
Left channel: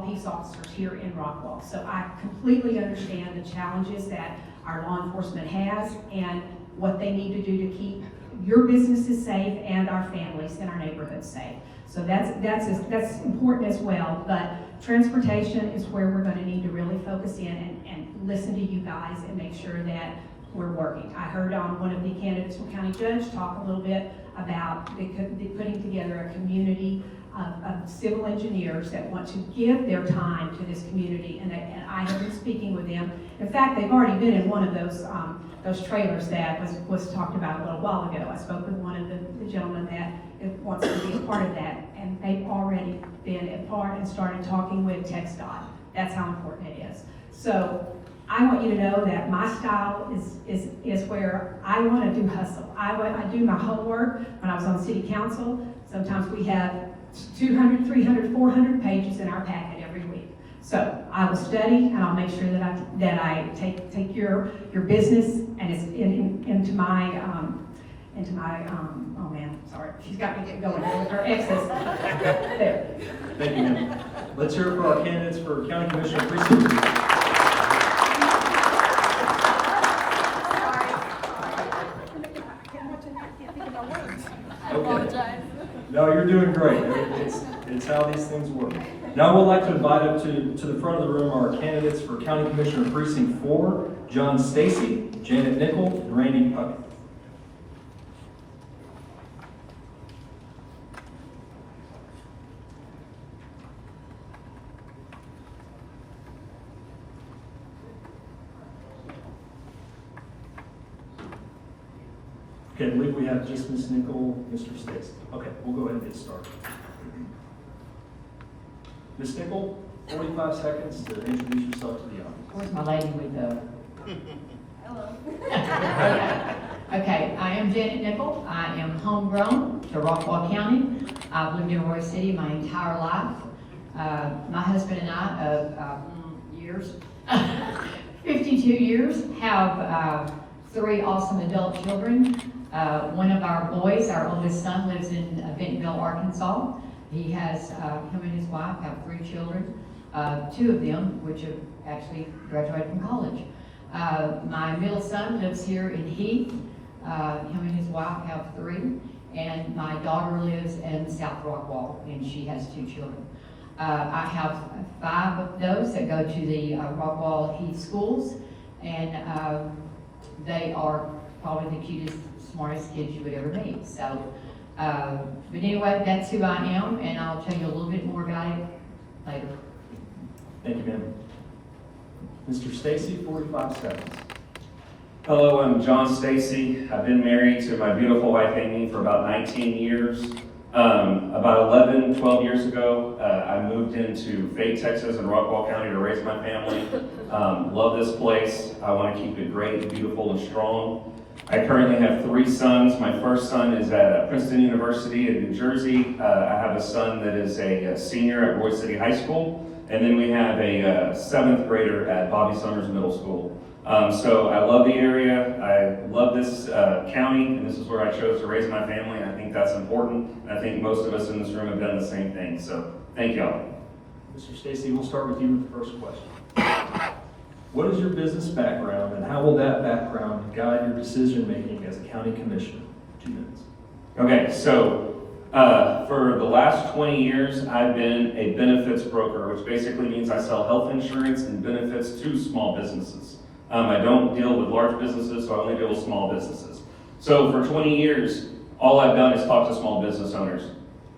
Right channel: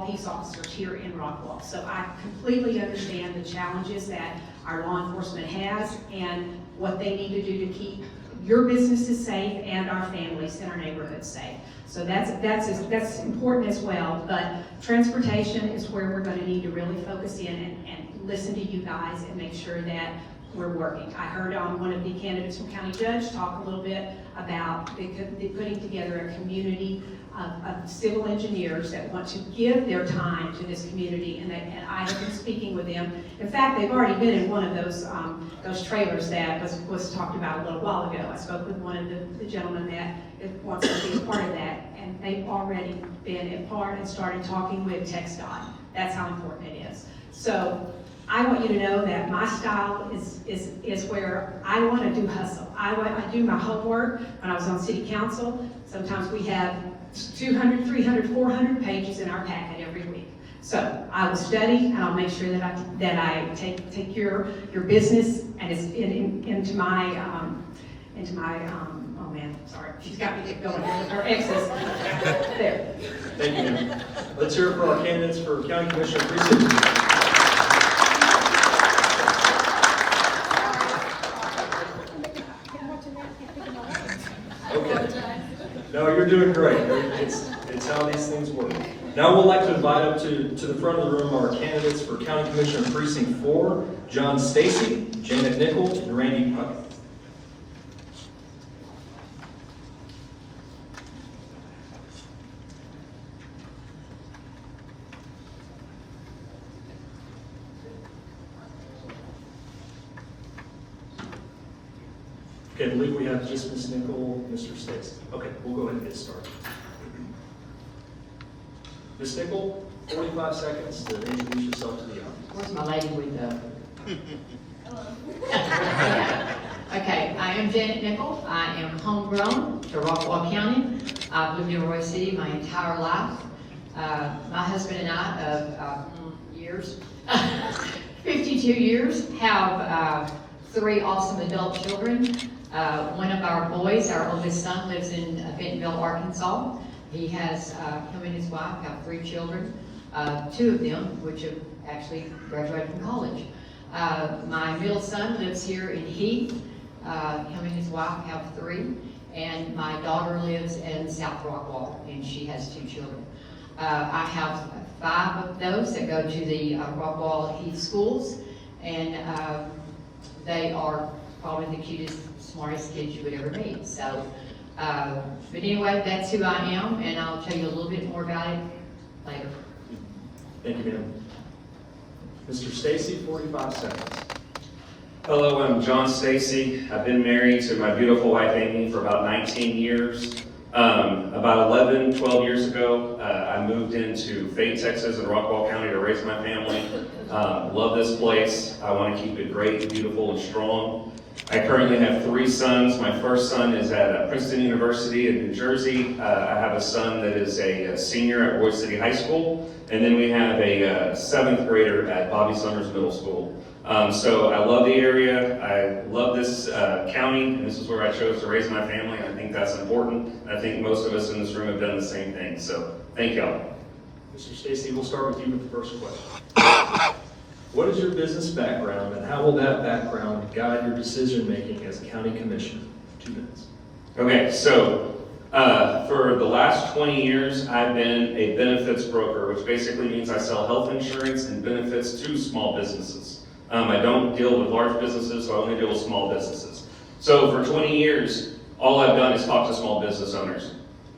peace officers here in Rockwall. So I completely understand the challenges that our law enforcement has and what they need to do to keep your businesses safe and our families and our neighborhoods safe. So that's important as well, but transportation is where we're going to need to really focus in and listen to you guys and make sure that we're working. I heard one of the candidates from County Judge talk a little bit about putting together a community of civil engineers that want to give their time to this community, and I have been speaking with them. In fact, they've already been in one of those trailers that was talked about a little while ago. I spoke with one of the gentlemen that wants to be a part of that, and they've already been a part and started talking with TxDOT. That's how important it is. So I want you to know that my style is where I want to do hustle. I do my homework. When I was on city council, sometimes we have 200, 300, 400 pages in our packet every week. So I will study, and I'll make sure that I take your business and it's into my oh man, sorry, she's got me going with her exes. There. Thank you, ma'am. Let's hear it for our candidates for County Commissioner Precinct. Okay. No, you're doing great. It's how these things work. Now I would like to invite up to the front of the room our candidates for County Commissioner Precinct 4, John Stacy, Janet Nickel, and Randy Puckett. Okay, I believe we have just Ms. Nickel, Mr. Stacy. Okay, we'll go ahead and get started. Ms. Nickel, 45 seconds to introduce yourself to the audience. Where's my lady with the... Hello. Okay, I am Janet Nickel. I am homegrown to Rockwall County. I've lived in Roy City my entire life. My husband and I of years, 52 years, have 3 awesome adult children. One of our boys, our oldest son, lives in Bentonville, Arkansas. He has him and his wife have 3 children, 2 of them which have actually graduated from college. My middle son lives here in Heath. Him and his wife have 3, and my daughter lives in South Rockwall, and she has 2 children. I have 5 of those that go to the Rockwall Heath schools, and they are probably the cutest, smartest kids you would ever meet. So, but anyway, that's who I am, and I'll tell you a little bit more about it later. Thank you, ma'am. Mr. Stacy, 45 seconds. Hello, I'm John Stacy. I've been married to my beautiful wife Amy for about 19 years. About 12 years ago, I moved into Fayette, Texas in Rockwall County to raise my family. Love this place. I want to keep it great, beautiful, and strong. I currently have 3 sons. My first son is at Princeton University in New Jersey. I have a son that is a senior at Roy City High School. And then we have a 7th grader at Bobby Summers Middle School. So I love the area. I love this county, and this is where I chose to raise my family. I think that's important. And I think most of us in this room have done the same thing. So thank y'all. Mr. Stacy, we'll start with you with the first question. What is your business background, and how will that background guide your decision making as a county commissioner? 2 minutes. Okay, so For the last 20 years, I've been a benefits broker, which basically means I sell health insurance and benefits to small businesses. I don't deal with large businesses, so I only deal with small businesses. So for 20 years, all I've done is talk to small business owners.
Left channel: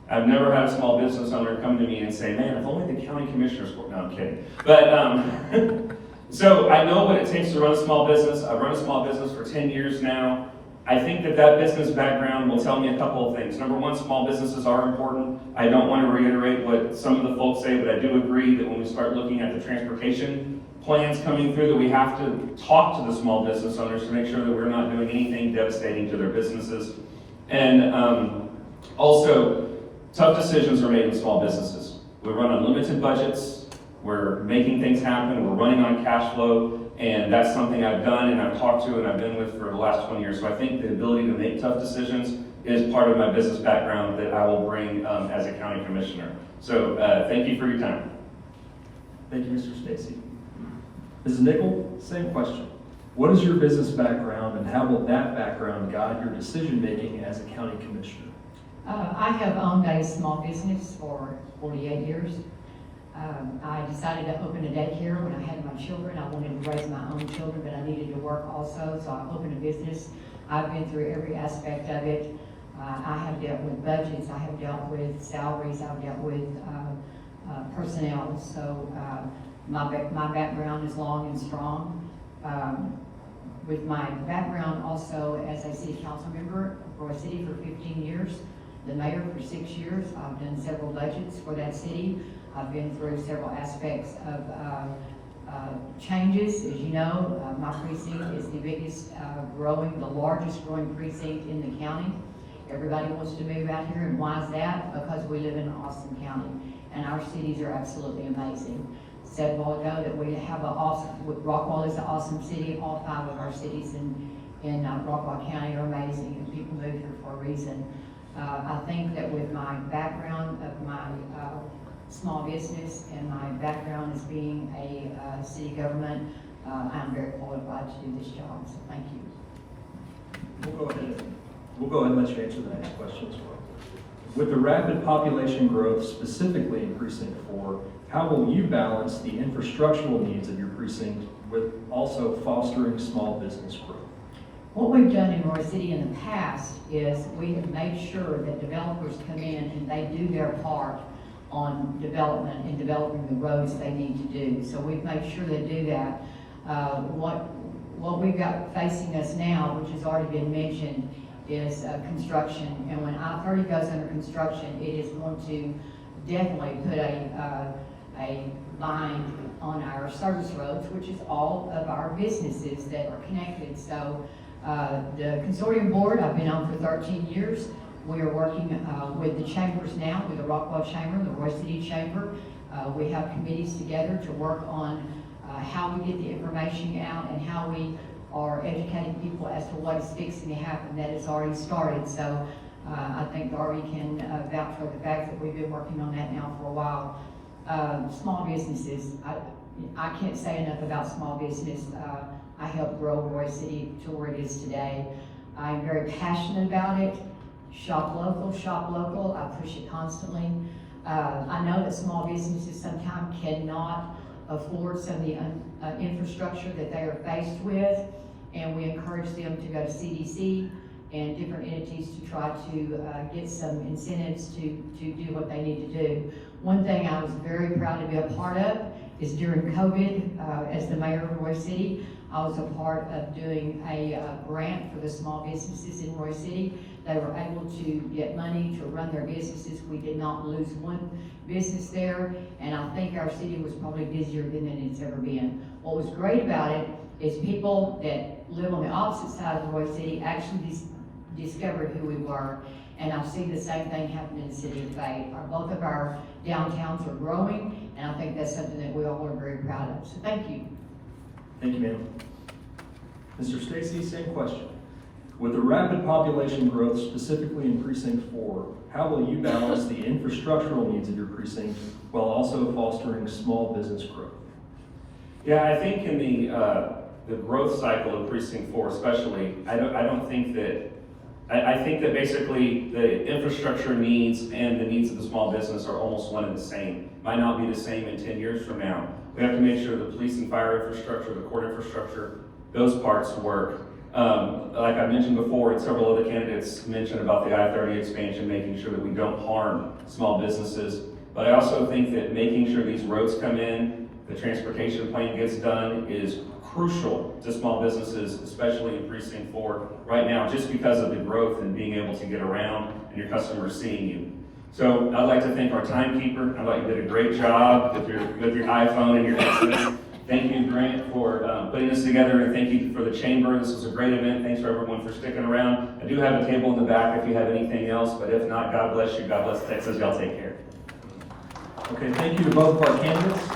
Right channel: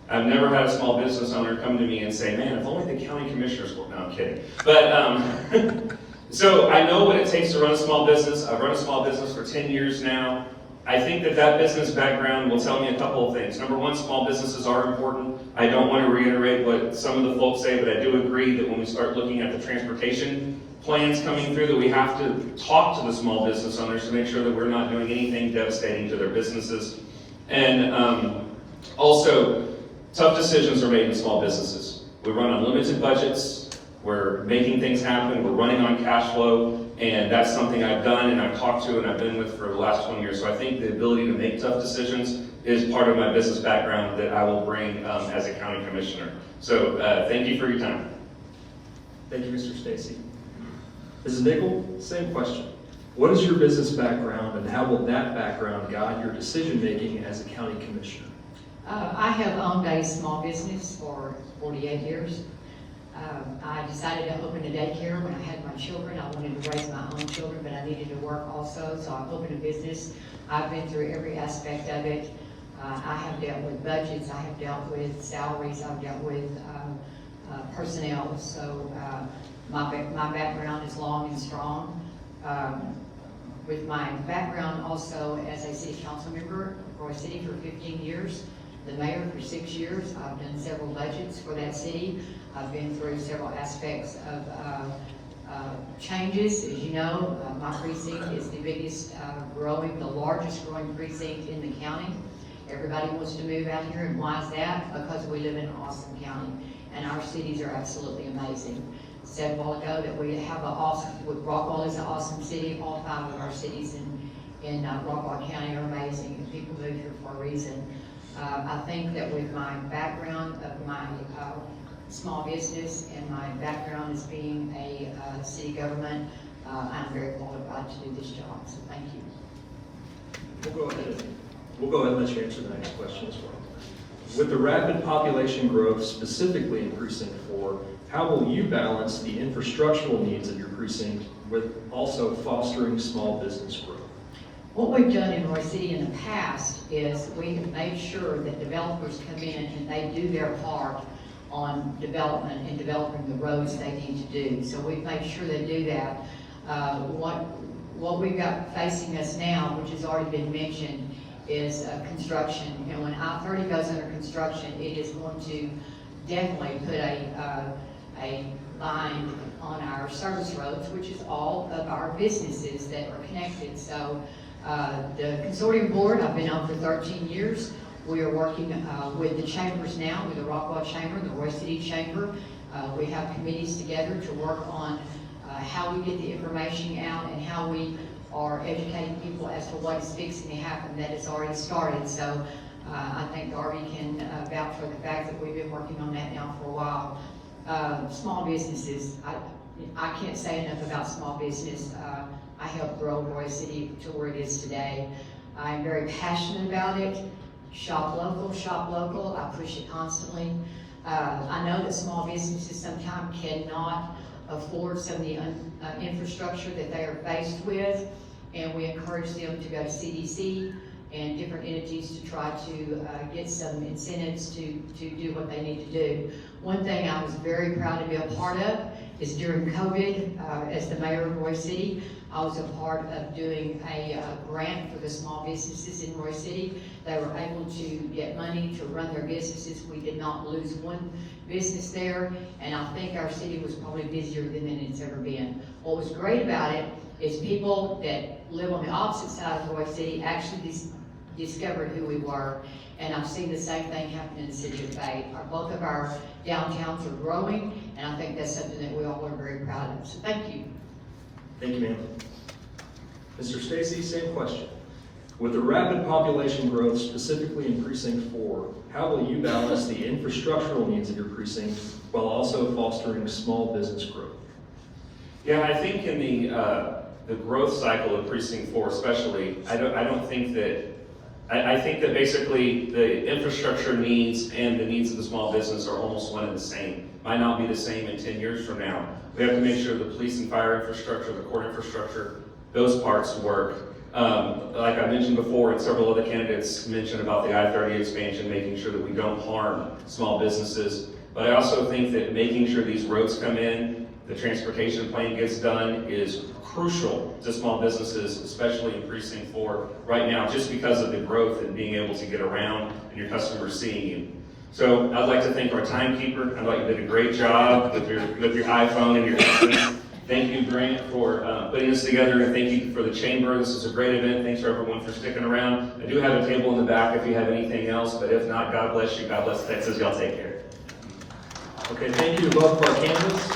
I've never had a small business owner come to me and say, man, if only the county commissioners were, no, I'm kidding. But, so I know what it takes to run a small business. I've run a small business for 10 years now. I think that business background will tell me a couple of things. Number one, small businesses are important. I don't want to reiterate what some of the folks say, but I do agree that when we start looking at the transportation plans coming through, that we have to talk to the small business owners to make sure that we're not doing anything devastating to their businesses. And also, tough decisions are made in small businesses. We run on limited budgets. We're making things happen. We're running on cash flow. And that's something I've done and I've talked to and I've been with for the last 20 years. So I think the ability to make tough decisions is part of my business background that I will bring as a county commissioner. So thank you for your time. Thank you, Mr. Stacy. Mrs. Nickel, same question. What is your business background and how will that background guide your decision-making as a county commissioner? I have owned a small business for 48 years. I decided to open a daycare when I had my children. I wanted to raise my own children, but I needed to work also, so I opened a business. I've been through every aspect of it. I have dealt with budgets, I have dealt with salaries, I've dealt with personnel, so my background is long and strong. With my background also as a city council member for a city for 15 years, the mayor for 6 years, I've done several budgets for that city. I've been through several aspects of changes. As you know, my precinct is the biggest the largest growing precinct in the county. Everybody wants to move out here, and why is that? Because we live in an awesome county, and our cities are absolutely amazing. Said a while ago that we have Rockwall is an awesome city. All 5 of our cities in Rockwall County are amazing, and people move here for a reason. I think that with my background of my small business and my background as being a city government, I'm very qualified to do this job, so thank you. We'll go ahead and let you answer the next question as well. With the rapid population growth, specifically in Precinct 4, how will you balance the infrastructural needs of your precinct with also fostering small business growth? What we've done in Roy City in the past is we have made sure that developers come in and they do their part on development and developing the roads they need to do. So we've made sure they do that. What we've got facing us now, which has already been mentioned, is construction. And when I-30 goes under construction, it is going to definitely put a line on our service roads, which is all of our businesses that are connected. So the consortium board I've been on for 13 years. We are working with the chambers now, with the Rockwall Chamber, the Roy City Chamber. We have committees together to work on how we get the information out and how we are educating people as to what is fixing to happen. That has already started. So I think Darby can vouch for the fact that we've been working on that now for a while. Small businesses, I can't say enough about small business. I helped grow Roy City to where it is today. I'm very passionate about it. Shop local, I push it constantly. I know that small businesses sometimes cannot afford some of the infrastructure that they are faced with, and we encourage them to go to CDC and different entities to try to get some incentives to do what they need to do. One thing I was very proud to be a part of is during COVID, as the mayor of Roy City, I was a part of doing a grant for the small businesses in Roy City. They were able to get money to run their businesses. We did not lose one business there, and I think our city was probably busier than it's ever been. What was great about it is people that live on the opposite side of Roy City actually discovered who we were, and I've seen the same thing happen in the city of Fayette. Both of our downtowns are growing, and I think that's something that we all are very proud of. So thank you. Thank you, ma'am. Mr. Stacy, same question. With the rapid population growth, specifically in Precinct 4, how will you balance the infrastructural needs of your precinct while also fostering small business growth? Yeah, I think in the growth cycle of Precinct 4 especially, I don't think that I think that basically the infrastructure needs and the needs of the small business are almost one and the same. Might not be the same in 10 years from now. We have to make sure the police and fire infrastructure, the court infrastructure, those parts work. Like I mentioned before, and several other candidates mentioned about the I-30 expansion, making sure that we don't harm small businesses. But I also think that making sure these roads come in, the transportation plan gets done is crucial to small businesses, especially in Precinct 4 right now, just because of the growth and being able to get around and your customers seeing you. So I'd like to thank our timekeeper. I'd like you did a great job with your iPhone and your instruments. Thank you, Grant, for putting this together, and thank you for the chamber. This is a great event. Thanks for everyone for sticking around. I do have a table in the back if you have anything else, but if not, God bless you. God bless Texas. Y'all take care. Okay, thank you to both of our candidates.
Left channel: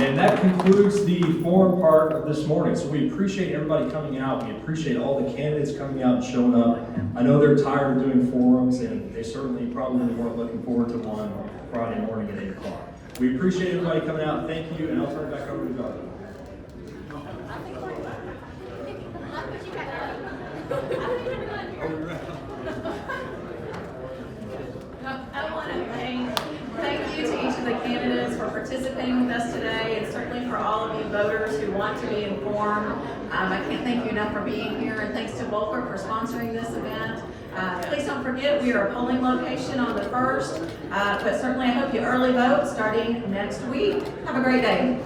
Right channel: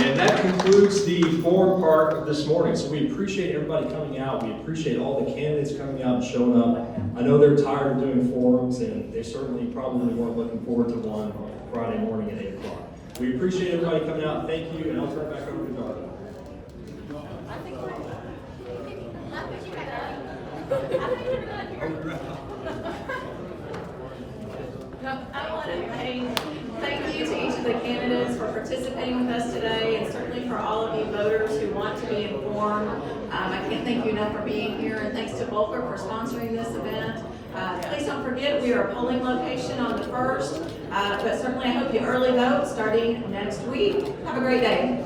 And that concludes the forum part of this morning. So we appreciate everybody coming out. We appreciate all the candidates coming out and showing up. I know they're tired of doing forums, and they certainly probably weren't looking forward to one on Friday morning at 8 o'clock. We appreciate everybody coming out. Thank you, and I'll turn it back over to Jonathan. I want to thank you to each of the candidates for participating with us today, and certainly for all of you voters who want to be informed. I can't thank you enough for being here, and thanks to Volker for sponsoring this event. Please don't forget, we are a polling location on the 1st, but certainly I hope you early vote starting next week. Have a great day.